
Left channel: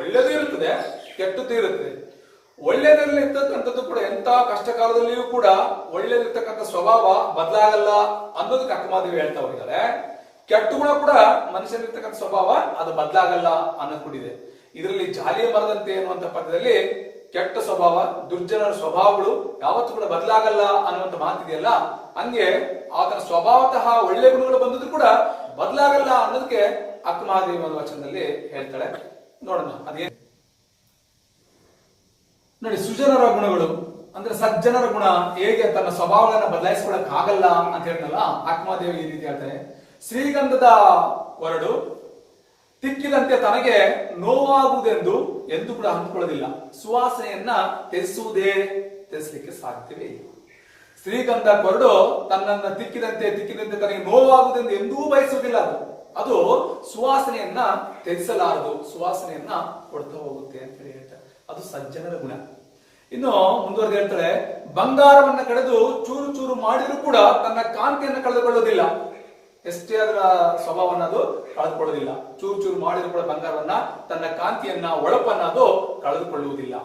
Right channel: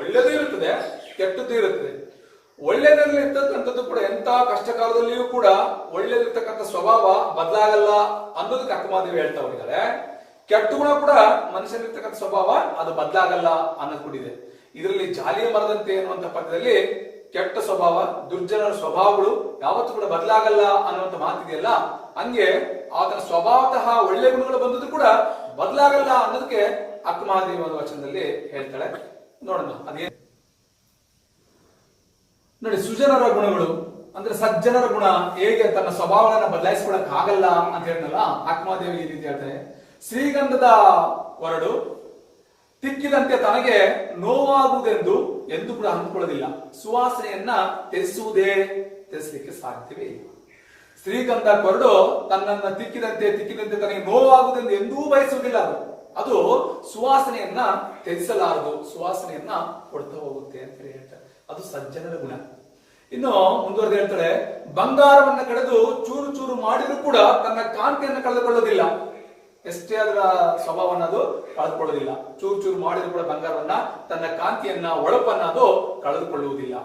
ಒಳ್ಳೆಯದು ಇರುತ್ತದೆ, ಕೆಟ್ಟದ್ದು ಇರುತ್ತೆ. ಒಳ್ಳೆಯದ್ರಲ್ಲಿ ಇರ್ತಕ್ಕಂಥದ್ದು ಕೂಡ ಎಂತ ಕಷ್ಟ ಕಾಲದಲ್ಲಿಯೂ ಕೂಡ ಒಳ್ಳೆದಿರ್ತಕ್ಕಂಥ ಸ್ವಭಾವ ಬದಲಾಗಲ್ಲ ಅನ್ನೋದಕ್ಕೆ ಅಕ್ಕಮಹಾದೇವಿ ಹೇಳ್ತಾ ಹೋಗಿದ್ದಾರೆ. ಕೆಟ್ಟ ಗುಣ ಕೂಡ ಮನುಷ್ಯನಿರ್ತಕ್ಕಂಥ ಸ್ವಭಾವ ಅದು ಬದಲಾಗಲ್ಲ ಅನ್ನೋದು ಕೂಡ ಇದೆ. ಇದರಲ್ಲಿ ಜಾಲಿಯ ಮರದಂತೆ ಅನ್ನುವಂಥ ಪದ್ಯದಲ್ಲಿ ಕೆಟ್ಟ ಸ್ವಭಾವ, ದುರ್ಜನರ ಸ್ವಭಾವಗಳು ಯಾವತ್ತೂ ಕೂಡ ಬದಲಾಗಲ್ಲ ಅನ್ನುವಂಥ ಮಾತಿದೆಯಲ್ಲ, ಹಂಗೆ ಆತನ ಸ್ವಭಾವತಃ ಒಳ್ಳೆ ಗುಣಗಳು ಬಂದದ್ದು ಕೂಡ ಬದಲಾಗಲ್ಲ ಅನ್ನೋದಕ್ಕೆ ಅಕ್ಕಮಹಾದೇವಿ ಅನ್ನೋ ವಚನದಲ್ಲಿ ಹೇಳ್ತಾಳೆ. ನೋಡೋಣ ಅದೇನು ನೋಡಿ. ಸುಜನರ ಗುಣಗಳು ಅಂದ್ರೆ ಸಜ್ಜನರ ಗುಣ ಹೇಗೆ ತನ್ನ ಸ್ವಭಾವಗಳನ್ನ ಬದಲಾಯಿಸ್ಕೊಳಕ್ ಆಗಲ್ಲ ಅಂತ ಹೇಳಿದ್ನಲ್ಲ, ಅಕ್ಕಮಹಾದೇವಿ ಈ ರೀತಿ ಹೇಳ್ತಾರೆ. ಶ್ರೀಗಂಧದ ಕೊರಡು ತಿಕ್ಕಿದಂತೆ ತನಗೆ ನೋವಾಗುವುದೆಂದು ಎಂದು ಕೂಡ ಅಂದುಕೊಳ್ಳೋದಿಲ್ಲ. ಸುವಾಸನೆಯನ್ನ ತ್ಯಜಿಸಲಿಕ್ಕೆ ಸಾಧ್ಯವೇ ಇಲ್ಲ. ಶ್ರೀಗಂಧ ಕೊರಡು ತನ್ನನ್ನ ತಿಕ್ಕಿದಂತೆ ತನಗೆ ನೋವಾಗುವುದೆಂದು ಎಂದೂ ಬಯಸುವುದಿಲ್ಲ. ಅದು ಸುವಾಸನೆಯನ್ನ ತ್ಯಜಿಸಲಾರದು, ಸುವಾಸನೆಯನ್ನ ಕೊಡ್ತಾ ಹೋಗುತ್ತೆ ಅಂತ ಹೇಳ್ತಾರೆ. ಅದು ಸಜ್ಜನರ ಗುಣ. ಇನ್ನು ಮುಂದುವರೆದು ಹೇಳ್ತಾರೆ, ಬಂಗಾರವನ್ನ ಕಳೆದು ಚೂರು ಚೂರು ಮಾಡಿದ್ರು ಕೂಡ ತನ್ನ ಕಾಂತಿಯನ್ನು ಕಳೆದುಕೊಳ್ಳೋದಿಲ್ಲ. ಎಷ್ಟೇ ಅದರ ಸ್ವಭಾವವನ್ನು ಅದು ಕಳೆದುಕೊಳ್ಳೋದಿಲ್ಲ. ಚೂರು ಚೂರು ಮಾಡಿದ್ರು ಕೂಡ ಬಂಗಾರವನ್ನ ತನ್ನ ಕಾಂತಿಯನ್ನ ಒಳಪನ್ನ ಅದು ಕಳೆದುಕೊಳ್ಳುವುದಿಲ್ಲ.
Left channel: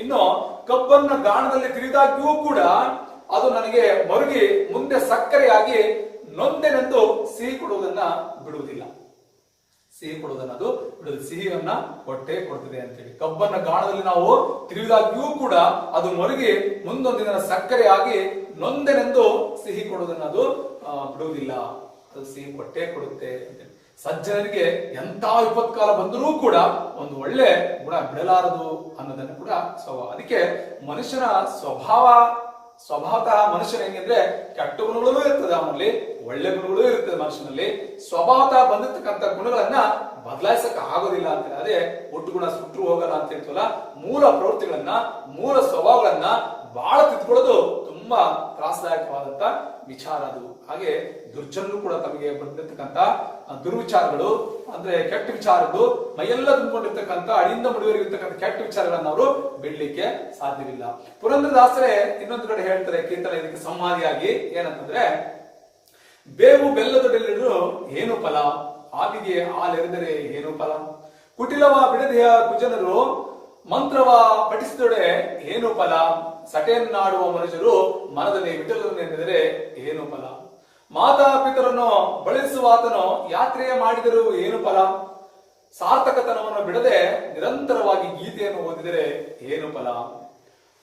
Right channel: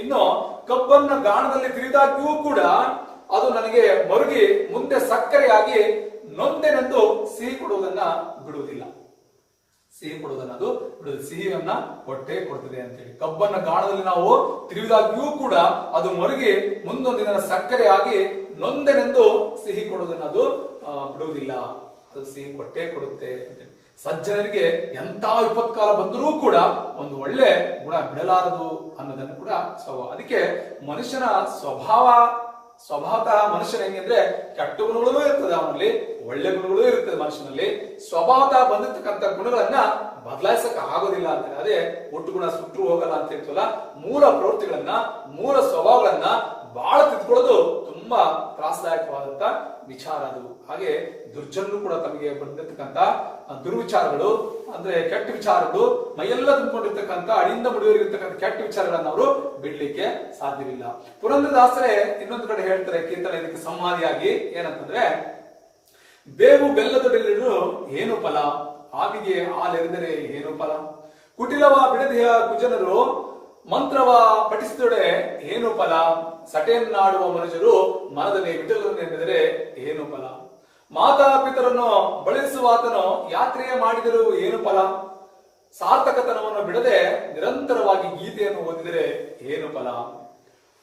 ಇನ್ನು ಕಬ್ಬನ್ನ ಗಾಣದಲ್ಲಿ ತಿರಿದಾಗ್ಯೂ ಕೂಡ ಅದು ನನಗೆ ಮರುಗಿ ಮುಂದೆ ಸಕ್ಕರೆಯಾಗಿ ನೊಂದೆನೆಂದು ಸಿಹಿ ಕೊಡುವುದನ್ನ ಬಿಡುವುದಿಲ್ಲ. ಅದು ಸಿಹಿಯನ್ನ ಹೊಟ್ಟೆ ಕೊಡ್ತದೆ ಅಂತೇಳಿ. ಕಬ್ಬನ್ನ ಗಾಣದಲ್ಲಿ ನಾವು ತಿರುವಿದಾಗ್ಯೂ ಕೂಡ ಅದು ಮರುಗಿ ಮುಂದೊಂದಿನ ಸಕ್ಕರೆಯಾಗಿ ನೊಂದೆನೆಂದು ಸಿಹಿ ಕೊಡುವುದನ್ನ ಅದು ಬಿಡುವುದಿಲ್ಲ. ಅದು ಸಿಹಿ ಹೊಟ್ಟೆ ಕೊಡುತ್ತೆ ಅಂತೇಳಿ. ಸಜ್ಜನರಿಗೆ ಎಂತ ವಿಪತ್ಕಾಲ ಬಂದರೂ ಕೂಡ ಒಂದು ಒಳ್ಳೆ ಗುಣ ಬಿಡಲಾರದು ಅನ್ನೋದನ್ನು ಕೂಡ ಅದಕ್ಕೆ ಮನುಷ್ಯನ ಸ್ವಭಾವತಃ ಮನುಷ್ಯನ ಹೆಂಗಂದ್ರೆ ಕೆಟ್ಟ ಗುಣಗಳೂ ಇರ್ತದೆ, ಅವನಲ್ಲಿ ಒಳ್ಳೆ ಗುಣಗಳೂ ಇರ್ತದೆ. ಮನುಷ್ಯನಲ್ಲಿ ಸ್ವಭಾವತಃ ಬಂದಿರ್ತಕ್ಕಂಥ ಗುಣಗಳನ್ನ ಬದಲಾಯಿಸಕ್ ಆಗೋದಿಲ್ಲ ಅಂತ. ಅದೇ ಒಟ್ಟು ಗುಣ ಸುಟ್ಟರು ಹೋಗಲ್ಲ ಅಂತ ಹೇಳ್ತಲ್ಲ. ಮೂಲ ಪ್ರವೃತ್ತಿಗಳನ್ನ, ಮೂಲ ಸ್ವಭಾವಗಳನ್ನ ಬಹಳ ತಿದ್ಕೊಳ್ಳೋದು ತುಂಬಾ ತ್ರಾಸದಾಯಕವಾದಂತ ವಿಚಾರ ಅದು. ಹಾಗೆ ದುರ್ಜನರು ಕೂಡ ತಮಗೆ ಬಂದಿರ್ತಕ್ಕಂಥ ದುರ್ವಿಚಾರಗಳು ಅಂದ್ರೆ ಕೆಟ್ಟ ವಿಚಾರಗಳು ಮೈಯೆಲ್ಲ ತುಂಬಿಕೊಂಡಿರ್ತಕ್ಕಂಥ ಅಡಿಯಿಂದ ಮುಡಿಯೋರಿರ್ತಕ್ಕಂಥ ಕೆಟ್ಟ ವಿಚಾರಗಳನ್ನ ಅವರು ಬಿಡ್ಲಿಕ್ಕೆ ಸಾಧ್ಯವಿಲ್ಲ. ಪುರಂದರದಾಸರೇ ಇನ್ನೊಂದು ಕಡೆ ಹೇಳ್ತಾರೆ ಕೀರ್ತನ ಇದಕ್ಕೆ ಸಂವಾದಿಯಾಗಿ ಏನಂತಂದ್ರೆ, ಬೇವು ಬೆಲ್ಲದ ಬೆಲ್ಲರು ಏನು ಫಲ, ಆವಿಗೆ ಹಾಲೆರೆದರೆ ಏನು ಫಲ, ಕುಟಿಲವ ಬಿಡದೆಯ ಕುಜನರು ಮಂತ್ರವ ಪಠಿಸಿದೊಡೆ ಏನು ಫಲ, ಸಟೆಯನ್ನಾಡುವ ಮನುಷ್ಯರು ಮನದಲ್ಲಿ ವಿಠಲನೆಂದರೆ ಏನು ಫಲ, ಮಾತಾ ಪಿತರನ್ನು ಬಳಸುವಾತನು ಯಾತ್ರೆಯ ಮಾಡಿದರೂ ಏನು ಫಲ, ಸಾರ್ಥಕತನವನ್ನು ಬಿಡದೆ ನಿರಂತರವಾಗಿ ಗೀತೆಯನ್ನು ಓದಿದರೆ ಏನು ಫಲ,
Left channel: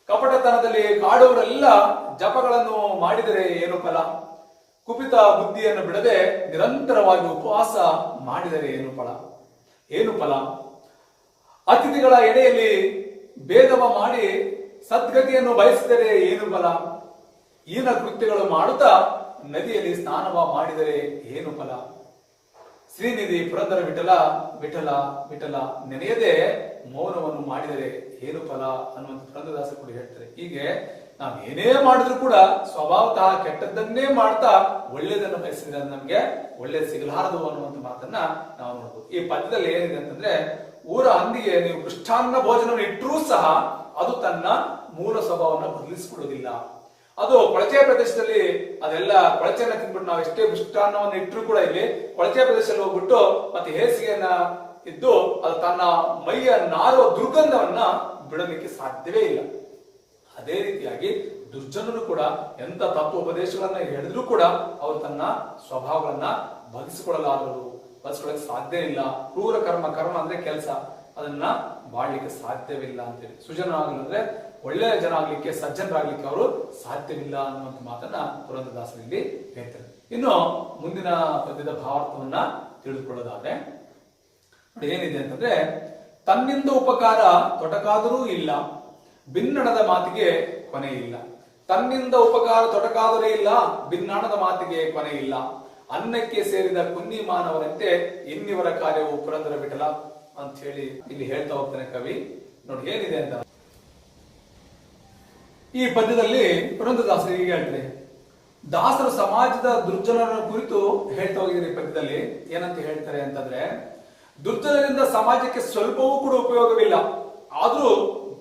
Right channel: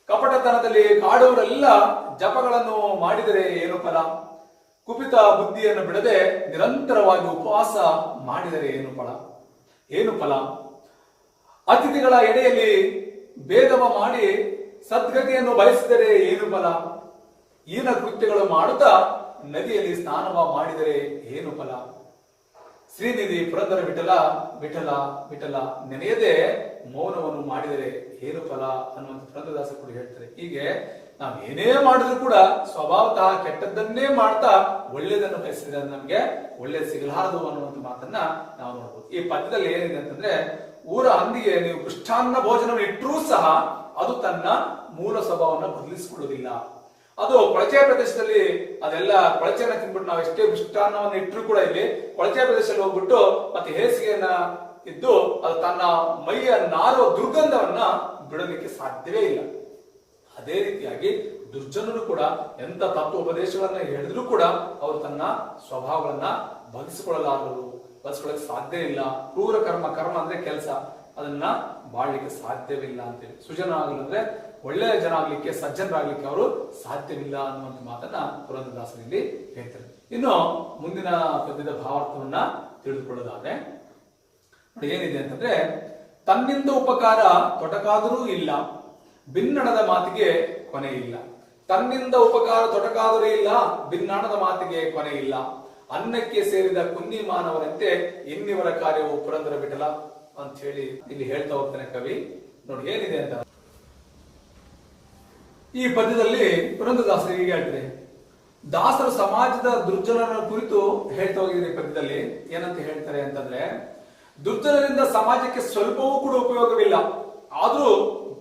ಕಪಟತನದಲ್ಲಿ ಕಾಡುವರೆಲ್ಲ ಜಪಗಳನ್ನು ಮಾಡಿದರೆ ಏನು ಫಲ, ಕುಪಿತ ಬುದ್ಧಿಯನ್ನು ಬಿಡದೆ ನಿರಂತರವಾಗಿ ಉಪವಾಸ ಮಾಡಿದರೆ ಏನು ಫಲ, ಅತಿಥಿಗಳ ಎಡೆಯಲ್ಲಿ ಭೇದವ ಮಾಡಿ ಸದ್ಗತಿಯನ್ನು ಬಯಸಿದರೆ ಏನು ಫಲ, ಈನ ಕೃತ್ಯಗಳು ಮಾಡುತ್ತಾ ನದಿಯಲ್ಲಿ ಸ್ನಾನವ ಮಾಡಿದರೆ ಏನು ಫಲ, ಶ್ರೀನಿಧಿ ಪುರಂದರ ವಿಠಲ ನೆನೆಯದೆ ಮೌನವನ್ನು ಮಾಡಿದರೆ ಏನು ಫಲ ಅನ್ನುವಂಥ ಪುರಂದರದಾಸ ಕೂಡ ಹೇಳ್ತಾರೆ. ಹೀಗೆ ನಾವು ಏನೇ ಮಾಡಿದ್ರು ಕೂಡ ಸ್ವಭಾವತಃ ಕೆಟ್ಟದ್ದನ್ನೇ ಮಾಡ್ತಾ ಒಳ್ಳೇದನ್ನು ಬಯಸಿದ್ರೆ ನಮ್ಗೆ ಒಳ್ಳೇದು ಸಿಗಲಾರದು ಅನ್ನುವಂಥ ಮಾತನ್ನ ನಾವು ನೋಡ್ಬೋದು. ಈ ಪದ್ಯದಲ್ಲಿ ಏನಿದೆ ಅಂತಂದ್ರೆ, ಊರ ಹಂದಿಗೆ ನೀವು ಮೃಷ್ಟಾನ್ನ ಭೋಜನವನ್ನು ಇಟ್ಟರೂ ಸಹ ಅದು ತನ್ನ ಮೂಲ ಸ್ವಭಾವವನ್ನು ಬದಲಿಸಿಕೊಳ್ಳುವುದಿಲ್ಲ. ಅದು ಕೊಳಚೆ ಪ್ರದೇಶದಲ್ಲಿ ಅದೆಲ್ಲ ಕೊಳಚೆನ ತಿಂದ್ಬಿಟ್ಟು ನಾವು ಎಷ್ಟೇ ಮೃಷ್ಟಾನ್ನವನ್ನು ಇಟ್ಟರು ಕೂಡ ಇಲ್ಲಿ ಕೊಳಚೆ ಪ್ರದೇಶದಲ್ಲಿ ಹೋಗ್ಬಿಟ್ಟು ಮತ್ತೆ ಹೇಸಿಗೆಯನ್ನ ಇದ್ದು ಅದು ತನ್ನ ಮೈಯ ನಾರುವ ದುರ್ಗಂಧವನ್ನ ಬಿಡಲಿಕ್ಕೆ ಸಾಧ್ಯವೇ ಇಲ್ಲ. ಅದೇ ರೀತಿಯಾಗಿ ದುರ್ಜನರು ಕೂಡ ಎಂತ ತತ್ವೋಪದೇಶಗಳನ್ನ ಹೇಳಿದ್ರು ಕೂಡ ಅವರು ತನ್ನ ಸ್ವಭಾವಗಳನ್ನ ಬದಲಿಸಿಕೊಳ್ಳಕ್ಕೆ ಸಾಧ್ಯ ಇಲ್ಲ. ಕ್ರೂರ ಕರ್ಮ ಅಂದ್ರೆ ಕೆಲಸ, ಅದನ್ನ ಬಾಳ್ಲಿಕ್ಕೆ ಸಾಧ್ಯವಿಲ್ಲ ಅಂತೇಳಿ. ಸುಜನ ಆಗಲಿದ್ರೆ ಒಳ್ಳೆಯ ಜನ ಆಗ್ಲಿಕ್ಕೆ, ಸಜ್ಜನರಾಗ್ಲಿಕ್ಕೆ ಅವರು ಸಾಧ್ಯವಿಲ್ಲ ಅನ್ನುವಂಥ ಮಾತನ್ನ ಪುರಂದರದಾಸರಲ್ಲಿ ಹೇಳ್ತಾರೆ. ಇನ್ನು ಮುಂದಿನ ಪದ್ಯದ ಭಾವಾರ್ಥವನ್ನ ತಿಳಿದುಕೊಳ್ಳೋದಾದ್ರೆ ಏನಿದೆ ಅಂತಂದ್ರೆ, ತನ್ನಿಂದ ಉಪಕಾರ ತೊಡಕಾದರೂ ಇಲ್ಲ, ಭಿನ್ನಣದ ಮಾತಿಗೆ ಕೊನೆ ಇಲ್ಲ. ತನ್ನಿಂದ ಉಪಕಾರ ತೊಡಕಾದರೂ ಇಲ್ಲ, ಭಿನ್ನಾಣದ ಮಾತಿಗೆ ಕೊನೆ ಇಲ್ಲ. ಅನ್ನಕ್ಕೆ ಸೇರಿದ ಕುನ್ನಿ ಮಾನವರಂತೆ ಇನ್ನಿವರ ಕಾರ್ಯವು ಪುರಂದರ ವಿಠಲ ಅಂತ ಹೇಳಿ ಇಲ್ಲಿ ಹೇಳ್ತಾ ಹೋಗ್ತಾನೆ ಕವಿ. ನೋಡಿ ಏನಿದೆ ಅಂತ ಈ ಪದ್ಯದಲ್ಲಿ ಪುರಂದರದಾಸರಿಗೆ ಹೇಳ್ತಾರೆ. ದಾಸರು ಸಮಾಜದ ದುರ್ಜನರ ಕುರಿತು ಹೇಳ್ತಾ ಹೋಗಿದ್ರೆ ಈ ಪದ್ಯದಲ್ಲಿ ಏನಂತ ಹೇಳ್ತಾರೆ ಅಂತಂದ್ರೆ, ದುರ್ಜನರಿಂದ ಸಮಾಜಕ್ಕೆ ಸ್ವಲ್ಪವೂ ಕೂಡ ಉಪಯೋಗವಿಲ್ಲ. ಆದ್ರೂ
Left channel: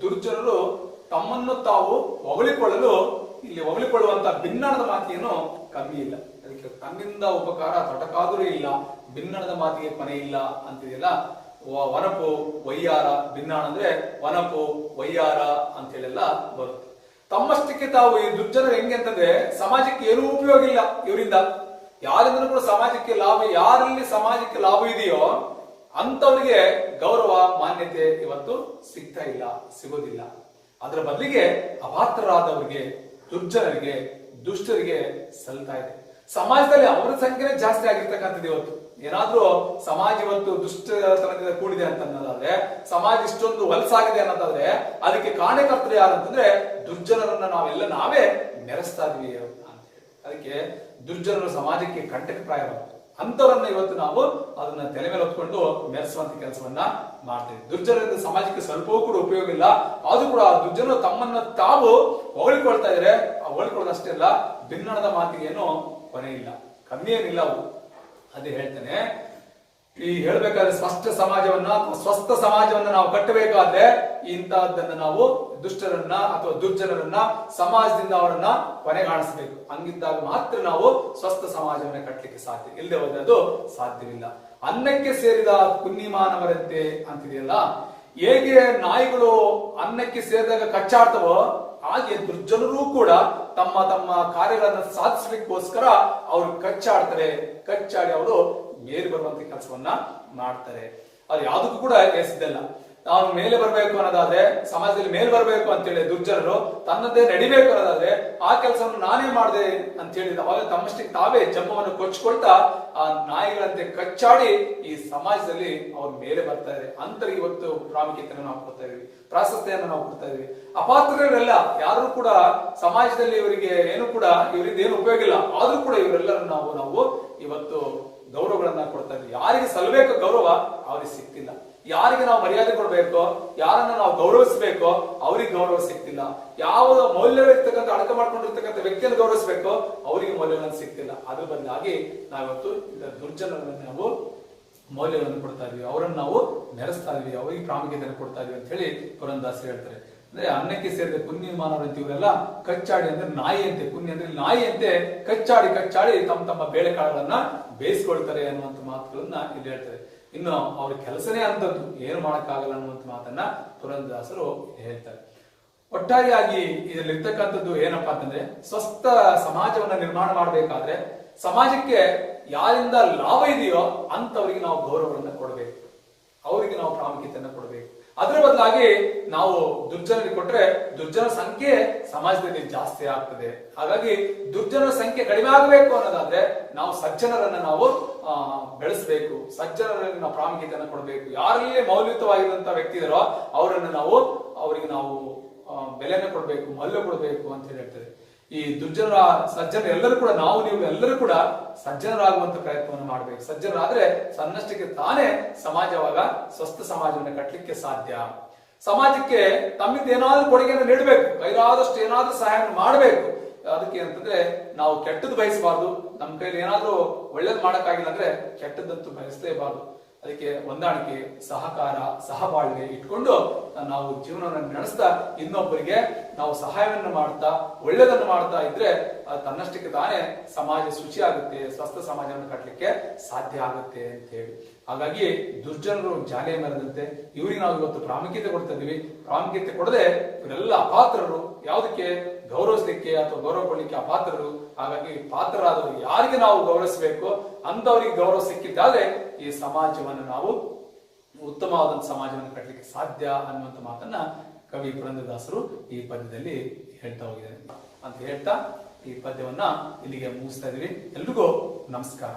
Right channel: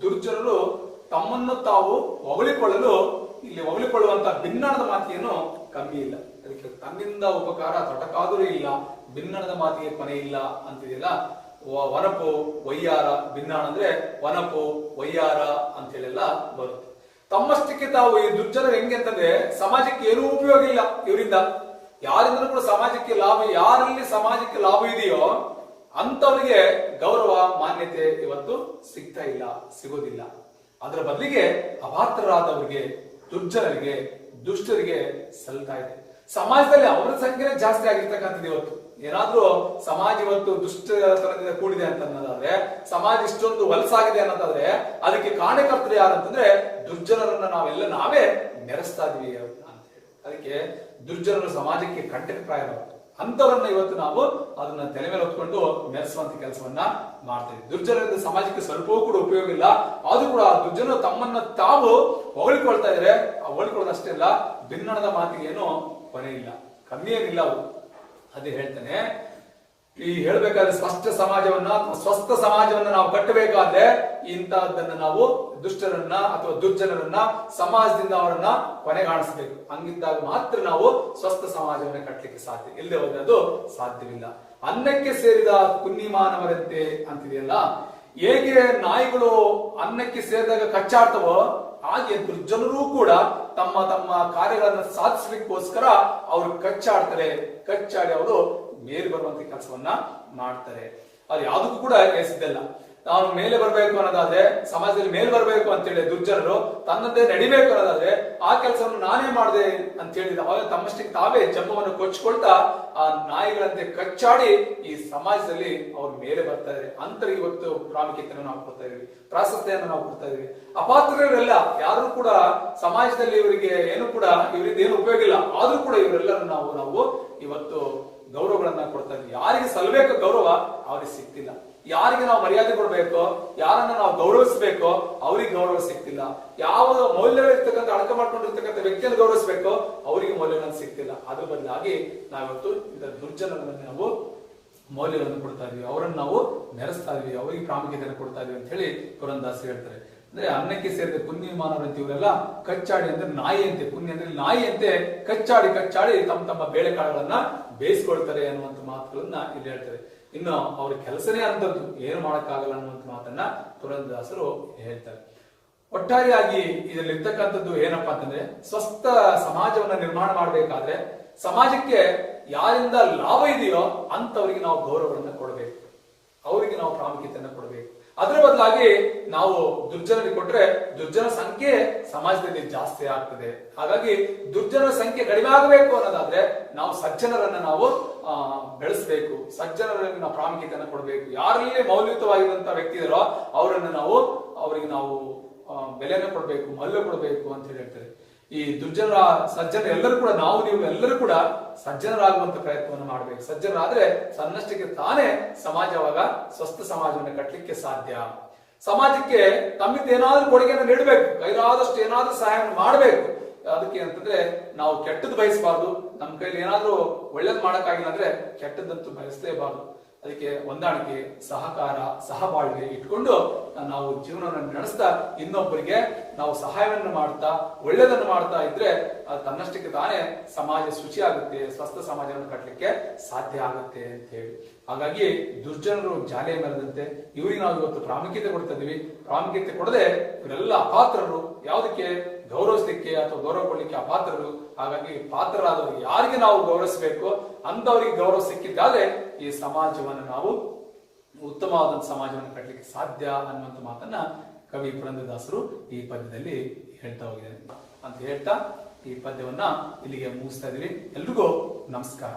ದುರ್ಜನರು ತಮ್ಮನ್ನು ತಾವು ಹೊಗಳಿಕೊಳ್ಳುವಂತ ಭಿನ್ನಣದ ಮಾತೇನು ಕಮ್ಮಿ ಇಲ್ಲ. ಅದಕ್ಕೆ ತನ್ನಿಂದ ಉಪಕಾರ ತೊಡಕಾದರೂ ಇಲ್ಲ, ಭಿನ್ನಣದ ಮಾತಿಗೆ ಕೊನೆ ಇಲ್ಲ ಅಂತಿದೆಯಲ್ಲ. ವನಪು ವಯ್ಯಾರ, ಭಿನ್ನಾಣ ಅಂದ್ರೆ ವನಪು ವಯ್ಯಾರ ಅಂತ ಹೇಳೆಲ್ಲ ಬರುತ್ತೆ. ತಮ್ಮಷ್ಟಕ್ಕೆ ತಾವು ಈ ದುರ್ಜನರು ಹೆಂಗೆ ಅಂತಂದ್ರೆ, ಸಮಾಜಕ್ಕೆ ಏನೂ ಉಪಯೋಗ ಇಲ್ಲ ಇವರಿಂದ. ಯಾರಿಂದಲೂ ಕೂಡ ಸಮಾಜಕ್ಕೆ ಲಾಭ, ಯಾರಲ್ಲಿ ಸಮಾಜಕ್ಕೆ ಲಾಭ ಇದೆಯೋ ಅಂತವರಿಗೆ ಗೌರವ ಮಾನ್ಯತೆ ಇವತ್ತು ಸಿಗೋದಿಲ್ಲ. ಅದರ ಬದಲಿಗೆ ಅಪಾತ್ರರಾದವರಿಗೆ, ದುರ್ಜನರಿಗೆ, ದುಷ್ಟರಿಗೆ ಸಲ್ತಾ ಇದೆ. ಸಮಾಜದಲ್ಲಿ ಅವರ ಸಂಖ್ಯೆ ಜಾಸ್ತಿ ಆಗಿರ್ತಕ್ಕಂಥದ್ದು ಇವತ್ತು. ಏನಾದ್ರೂ ಸಮಾಜ ಇವತ್ತು ದುಷ್ಟತನದಿಂದ ಕೂಡಿದೆ ಅಂತಂದ್ರೆ, ಸಮಾಜ ಇಷ್ಟೊಂದು ವಲಸಾಗಿದೆ ಅನ್ನೋದಾದ್ರೆ ಅದಕ್ಕೆ ಕಾರಣಕರ್ತರು ಯಾರಂತಂದ್ರೆ ದುರ್ಜನರನ್ನ ನಾವೇ ನೆರೆಸ್ತಾ ಇದೀವಿ ಅಂತ ಹೇಳಿ. ಅದಕ್ಕೆ ದುರ್ಜನರು ಸಮಾಜಕ್ಕೆ ಕಂಟಕಪ್ರಾಯರು. ಅಂತವರನ್ನ ಇವತ್ತು ನಾವು ಅದನ್ನ ತಲೆ ಮೇಲೆ ಹೊತ್ಕೊಂಡು ಮೆರೆಸುವಂತ ಕೆಲಸವನ್ನ ಮಾಡ್ತೀವಿ. ದುರ್ಜನರಿಂದ ಸಮಾಜಕ್ಕೆ ಸ್ವಲ್ಪವೂ ಕೂಡ ಉಪಯೋಗ ಇಲ್ಲ. ಅದು ಕೂಡ ದುರ್ಜನರು ತಮ್ಮನ್ನ ತಾವು ಹೊಗಳಿಕೊಳ್ತಾ ಇದ್ರೆ, ಹೊಗಳಿಕೊಳ್ಳೋದಷ್ಟೇ ಅಲ್ಲ, ಭಿನ್ನಣದ ಮಾತಿಗೆ ಏನು ಕೊನೆ ಇಲ್ಲ, ಕಮ್ಮಿ ಏನಿಲ್ಲ. ಅದು ಹೇಳ್ತಾನೆ, ಈ ಹೇಳ್ಬೇಕಾದ್ರೆ ಸ್ವಸ್ಥ ಸಮಾಜವನ್ನ ನಾವು ಕಟ್ಟಬೇಕಾದ್ರೆ ಇಂತಹದ್ದನ್ನ ನಾವು ದುಷ್ಟರನ್ನ ಅಥವಾ ದುರ್ಜನರನ್ನ ಸಮಾಜದಿಂದ ಅವರನ್ನ ಕೊನೆಗಾಣಿಸಬೇಕು. ಹಂಗಿದ್ದಾಗ ಮಾತ್ರ ನಾವು ಸ್ವಸ್ಥ ಸಮಾಜವನ್ನ ಕಟ್ಟಲಿಕ್ಕೆ ಸಾಧ್ಯ. ಇಲ್ಲದೆ ಹೋದ್ರೆ ಅದು ಸಾಧ್ಯವಿಲ್ಲ. ಅನ್ನಕ್ಕೆ ಸೇರಿದ ಕುನ್ನಿಮಾನವರಂತೆ ಅಂತಿದೆಯಲ್ಲ, ಹೇಗೆ ನಾಯಿಗಳು ಅನ್ನಕ್ಕೆ ಸೇರಿದಾಗ ಕಚ್ಚಾಡ್ತವೋ ಹಾಗೆ ದುರ್ಜನರು ಕೂಡ ತಮ್ಮ ತಮ್ಮ ಕಾರ್ಯಗಳನ್ನು ಸಾಧಿಸಲಿಕ್ಕೋಸ್ಕರ ಅವರು ಕಚ್ಚಾಡಿ ಅವರು ಮೇಲೆ ಬರುವಂತ ಕೆಲಸವನ್ನ ಮಾಡ್ತಾರೆ. ಅದು ಯಾವುದಕ್ಕೂ ಕೂಡ ಎಸಿದಲ್ಲ. ನಾನು ಮೇಲೆ ಬರಬೇಕು ಅನ್ನೋದಾದ್ರೆ, ಸಮಾಜದಲ್ಲಿ ಮೇಲೆ ಬರಬೇಕು ಅಂತೇಳಿ ದುರ್ಜನರು ತನ್ನದೇ ನಡಿಬೇಕು ಅನ್ನೋದಾದ್ರೆ ಆ ಕೆಲಸವನ್ನು ನಾನೇ ಮಾಡಿದೆ ಅಂತ ಹೇಳಿದ ಅವಾಗ ತಮ್ಮಷ್ಟಕ್ಕೆ ತಾವೇ ಜಂಬವನ್ನು ಕೊಚ್ಕೊಳ್ತಾ ಆ ನಾಯಿಗಳಂತೆ ಕಚ್ಚಾಡಿ ಈ ಸಮಾಜದಲ್ಲಿ ಅವ್ರ ಮೇಲೆ ಬರ್ತಾ ಇದ್ದಾರೆ. ಅಂತರಿಗೆ ಇವತ್ತು ಪ್ರಾಮುಖ್ಯತೆಯನ್ನು ನಾವು ಕೊಡ್ತಾ ಇದೀವಿ, ಪ್ರಾಶಸ್ತ್ಯವನ್ನು ನಾವು ಕೊಡ್ತಾ ಇದೀವಿ. ಅಪಾತ್ರರೆಲ್ಲ ಯಾರು ಕೂಡ ಸಮಾಜದಲ್ಲಿ ಇವರಿಗೆ ಏನು ಕೂಡ ಇವರಿಂದ ಏನು ಉಪಯೋಗ ಇಲ್ಲ, ಆದ್ರೂ ಕೂಡ ಇವರೆಲ್ಲರೂ ನಾವು ಇವತ್ತು ಗೌರವಗಳನ್ನ ಕೊಡ್ತಾ ಇದ್ವಿ. ಯಾರಿಗೆ ಸಲ್ಲಬೇಕು ಗೌರವ ಅವ್ರಿಗೆ ಸಿಕ್ತಿಲ್ಲ. ಯಾರಿಗೆ ನಾವು ಮರ್ಯಾದೆ ಕೊಡ್ಬೇಕು, ಯಾರನ್ನ ನಾವು ಗೌರವಿಸಬೇಕು ಅವ್ರಿಗೆ ಗೌರವ ಸಿಗ್ತಿಲ್ಲ. ಯಾವ ಮೌಲ್ಯಗಳಿರ್ತಕ್ಕಂಥ ಅಡಕ ಮಾಡ್ಕೊಂಡಿರ್ತಕ್ಕಂಥ ವ್ಯಕ್ತಿಯನ್ನು ಗೌರವಿಸಬೇಕು ಅವರಿಗೆ ಮೌಲ್ಯಗಳನ್ನು ಸಿಗ್ತಿಲ್ಲ. ಅದ್ರ ಬದಲಾಗಿ ನಾವಿವತ್ತು ದುರ್ಜನರನ್ನು ನಾವು ಮೌಲ್ಯಗಳನ್ನು ಕೊಡ್ತಾ ಇದೀವಿ, ಅವರನ್ನು ನಾವು ಮೆರೆಸ್ತಾ ಇದೀವಿ, ಅವರಿಗೆ ಪ್ರಾಮುಖ್ಯತೆಯನ್ನು ಕೊಡ್ತಾ ಇದೀವಿ ಅಂತ ಹೇಳಿ ಪುರಂದಾಸ್ ಹೇಳ್ತಾರೆ. ಅಂದ್ರೆ ಅನ್ನಕ್ಕೆ ಸೇರಿದ ಕುನ್ನಿಮಾನವರಂತೆ ಇವರೆಲ್ಲ ಕಚ್ಚಾಡಿ ಅಂದ್ರೆ ನಾಯಿ ಅಂತೆ, ಕುನ್ನಿ ಅಂದ್ರೆ ನಾಯಿ ಅಂತೆ ಕಚ್ಚಾಡಿ ತಮ್ಮ ಬೇಳೆಕಾಳುಗಳನ್ನ ಬೇಯಿಸ್ಕೊಳ್ತಾರೆ ಅನ್ನುವಂತ ಮಾತುಗಳನ್ನ ಇದು ಹೇಳ್ತಾರೆ. ಇನ್ನು ಅವ್ರ ಕೆಲಸನೇ ಅಂತದ್ದು, ಏನು ಮಾಡಕ್ಕಾಗಲ್ಲ ಅನ್ನುವಂತ ಮಾತನ್ನ ಪುರಂದರದಾಸರು ಹೇಳ್ತಾರೆ. ಒಟ್ಟಾರೆಯಾಗಿ ಇದರಲ್ಲಿ ಇರ್ತಕ್ಕಂಥದ್ದು ಏನಪ್ಪಾ ಅಂತಂದ್ರೆ, ಸ್ವಸ್ಥ ಸಮಾಜವನ್ನ ನಿರ್ಮಾಣ ಮಾಡಬೇಕಾದ್ರೆ ಸಮಾಜಕ್ಕೆ ಯಾರಿಂದ ಲಾಭ ಇದೆಯೋ ಅಂತವರಿಗೆ ನಾವು ಗೌರವಗಳನ್ನ ಕೊಡಬೇಕು, ಅವರಿಗೆ ನಾವು ಪ್ರಾಮುಖ್ಯತೆಯನ್ನು ಕೊಡಬೇಕು. ಅದರ ಬದಲಾಗಿ ನಾವು ದುರ್ಜನರಿಗೆ ಕೊಟ್ರೆ ದುರ್ಜನ ಸಂಖ್ಯೆ ಸಮಾಜದಲ್ಲಿ ಜಾಸ್ತಿ ಆಗ್ತದೆ. ಹಾಗಾಗಿ ದುರ್ಜನರ ಸಂಖ್ಯೆ ಕಡಿಮೆ ಆಗಬೇಕು ಅನ್ನೋದಾದ್ರೆ ನಾವು ಸಜ್ಜನರನ್ನ ನಾವು ಬೆಳೆಸಬೇಕು, ಸಜ್ಜನರಲ್ಲಿ ನಾವು ಪ್ರಾಮುಖ್ಯತೆಯನ್ನು ಕೊಡಬೇಕು. ಯಾರಲ್ಲಿ ಮೌಲ್ಯಯುತವಾಗಿರುವಂತಹ ವ್ಯಕ್ತಿ ಇದಾರೋ ಅವರಿಗೆ ನಾವು ಬೆಲೆಯನ್ನು ಕೊಡಬೇಕು, ಮೌಲ್ಯ ಕೊಡಬೇಕು ಅಂತ ಹೇಳ್ತಾರೆ. ಈ ಸಜ್ಜನ ಎಲ್ಲರೂ ಕೂಡ ನೀವು ಎಲ್ಲರೂ ಕೂಡ ಸಜ್ಜನರಾಗುವಂತ ಪ್ರಯತ್ನವನ್ನು ಮಾಡಬೇಕು. ಸಜ್ಜನರಾದ್ರೆ ತನ್ನಷ್ಟಕ್ಕೆ ತಾನೇ ಸಮಾಜವಾಗ ಸ್ವಸ್ಥ ಸಮಾಜವನ್ನು ಕಟ್ಟಲಿಕ್ಕೆ ಸಾಧ್ಯ. ಸಮಾಜಕ್ಕೆ ತಮ್ಮಿಂದ ಏನಾದ್ರೂ ಕೊಡುಗೆಯನ್ನು ನೀಡಬೇಕು, ಕೈಲಾದಷ್ಟು ಏನಾದ್ರೂ ಸಹಾಯವನ್ನು ಮಾಡಬೇಕು. ಅದಕ್ಕೆ ಅಂತಂದ್ರೆ ನಾವು ಕೆಟ್ಟದ್ದು ಬಯಸಬಾರ್ದು. ನಮ್ಮ ಕೈಲಿ ಏನಾದ್ರೂ ಒಳ್ಳೇದು ಮಾಡಕ್ಕಾಗಿಲ್ಲ ಅಂದ್ರೆ ಕೆಟ್ಟದ್ದಂತೂ ಬಯಸಲೇಬಾರ್ದು. ಅದಕ್ಕೆ ಹೊಂದಾಣಿಕೆ, ಸಹಕಾರ, ಸಹಬಾಳ್ವೆ ಇಟ್ಕೊಂಡು ನಾವು ಜೀವನವನ್ನು ನಡೆಸ್ತಾ ಇನ್ನೊಬ್ಬರಿಗೆ ನಾವು ಸಹಾಯವನ್ನು ಮಾಡ್ತಾ ಒಳ್ಳೆಯದನ್ನು ಮಾಡ್ತಾ ಇದ್ರೆ ತನ್ನಷ್ಟಕ್ಕೆ ತಾನೇ ಸಮಾಜ ಶುಚಿ ಆಗುತ್ತೆ, ಸ್ವಸ್ಥ ಸಮಾಜವನ್ನು ಕಟ್ಟಲಿಕ್ಕೆ ಸಾಧ್ಯ ಆಗುತ್ತೆ ಅಂತ ಹೇಳಿ. ಹಾಗಾಗಿ ದುರ್ಜನರು ಜಾಲಿಯ ಮರದಂತೆ ಇವರಿಗೆ ನಾವು ಇವತ್ತು ಪ್ರಾಮುಖ್ಯತೆ ಕೊಡ್ತಾ ಇದೀವಿ. ಪ್ರಾಮುಖ್ಯತೆ ಕೊಡದೆ ಇವರೆಲ್ಲ ಅಪಾತ್ರರು, ಯಾವುದಕ್ಕೆ ಗೌರವಿಸಲಿಕ್ಕೆ ಅಥವಾ ಗೌರವ ಕೊಡ್ಲಿಕ್ಕೆ ಅಪಾತ್ರರು. ಹಾಗಾಗಿ ಪಾತ್ರರಾದವರು ಯಾರಿಗೆ ನಾವು ಗೌರವಿಸಬೇಕು ಅಂತವರಿಗೆ ಗೌರವ ಸಿಕ್ಕಿದ್ದಾದ್ರೆ ಈ ಸಮಾಜವನ್ನು ನಾವು ಉತ್ತಮವಾದ ಸಮಾಜವನ್ನು ಕಟ್ಟಲಿಕ್ಕೆ ಸಾಧ್ಯ ಅನ್ನುವಂಥ ಮಾತನ್ನ ಕವಿ ಪುರಂದರದಾಸರು ಈ ಪದ್ಯದಲ್ಲಿ ಹೇಳ್ತಾ ಹೋಗಿದ್ದಾರೆ ಅಂತ ಹೇಳ್ತಾ ಈ ಪದ್ಯವನ್ನ ಇಲ್ಲಿಗೆ ಮುಗಿಸ್ತಾ ಇದೀವಿ. ಎಲ್ರಿಗೂ ನಮಸ್ಕಾರ.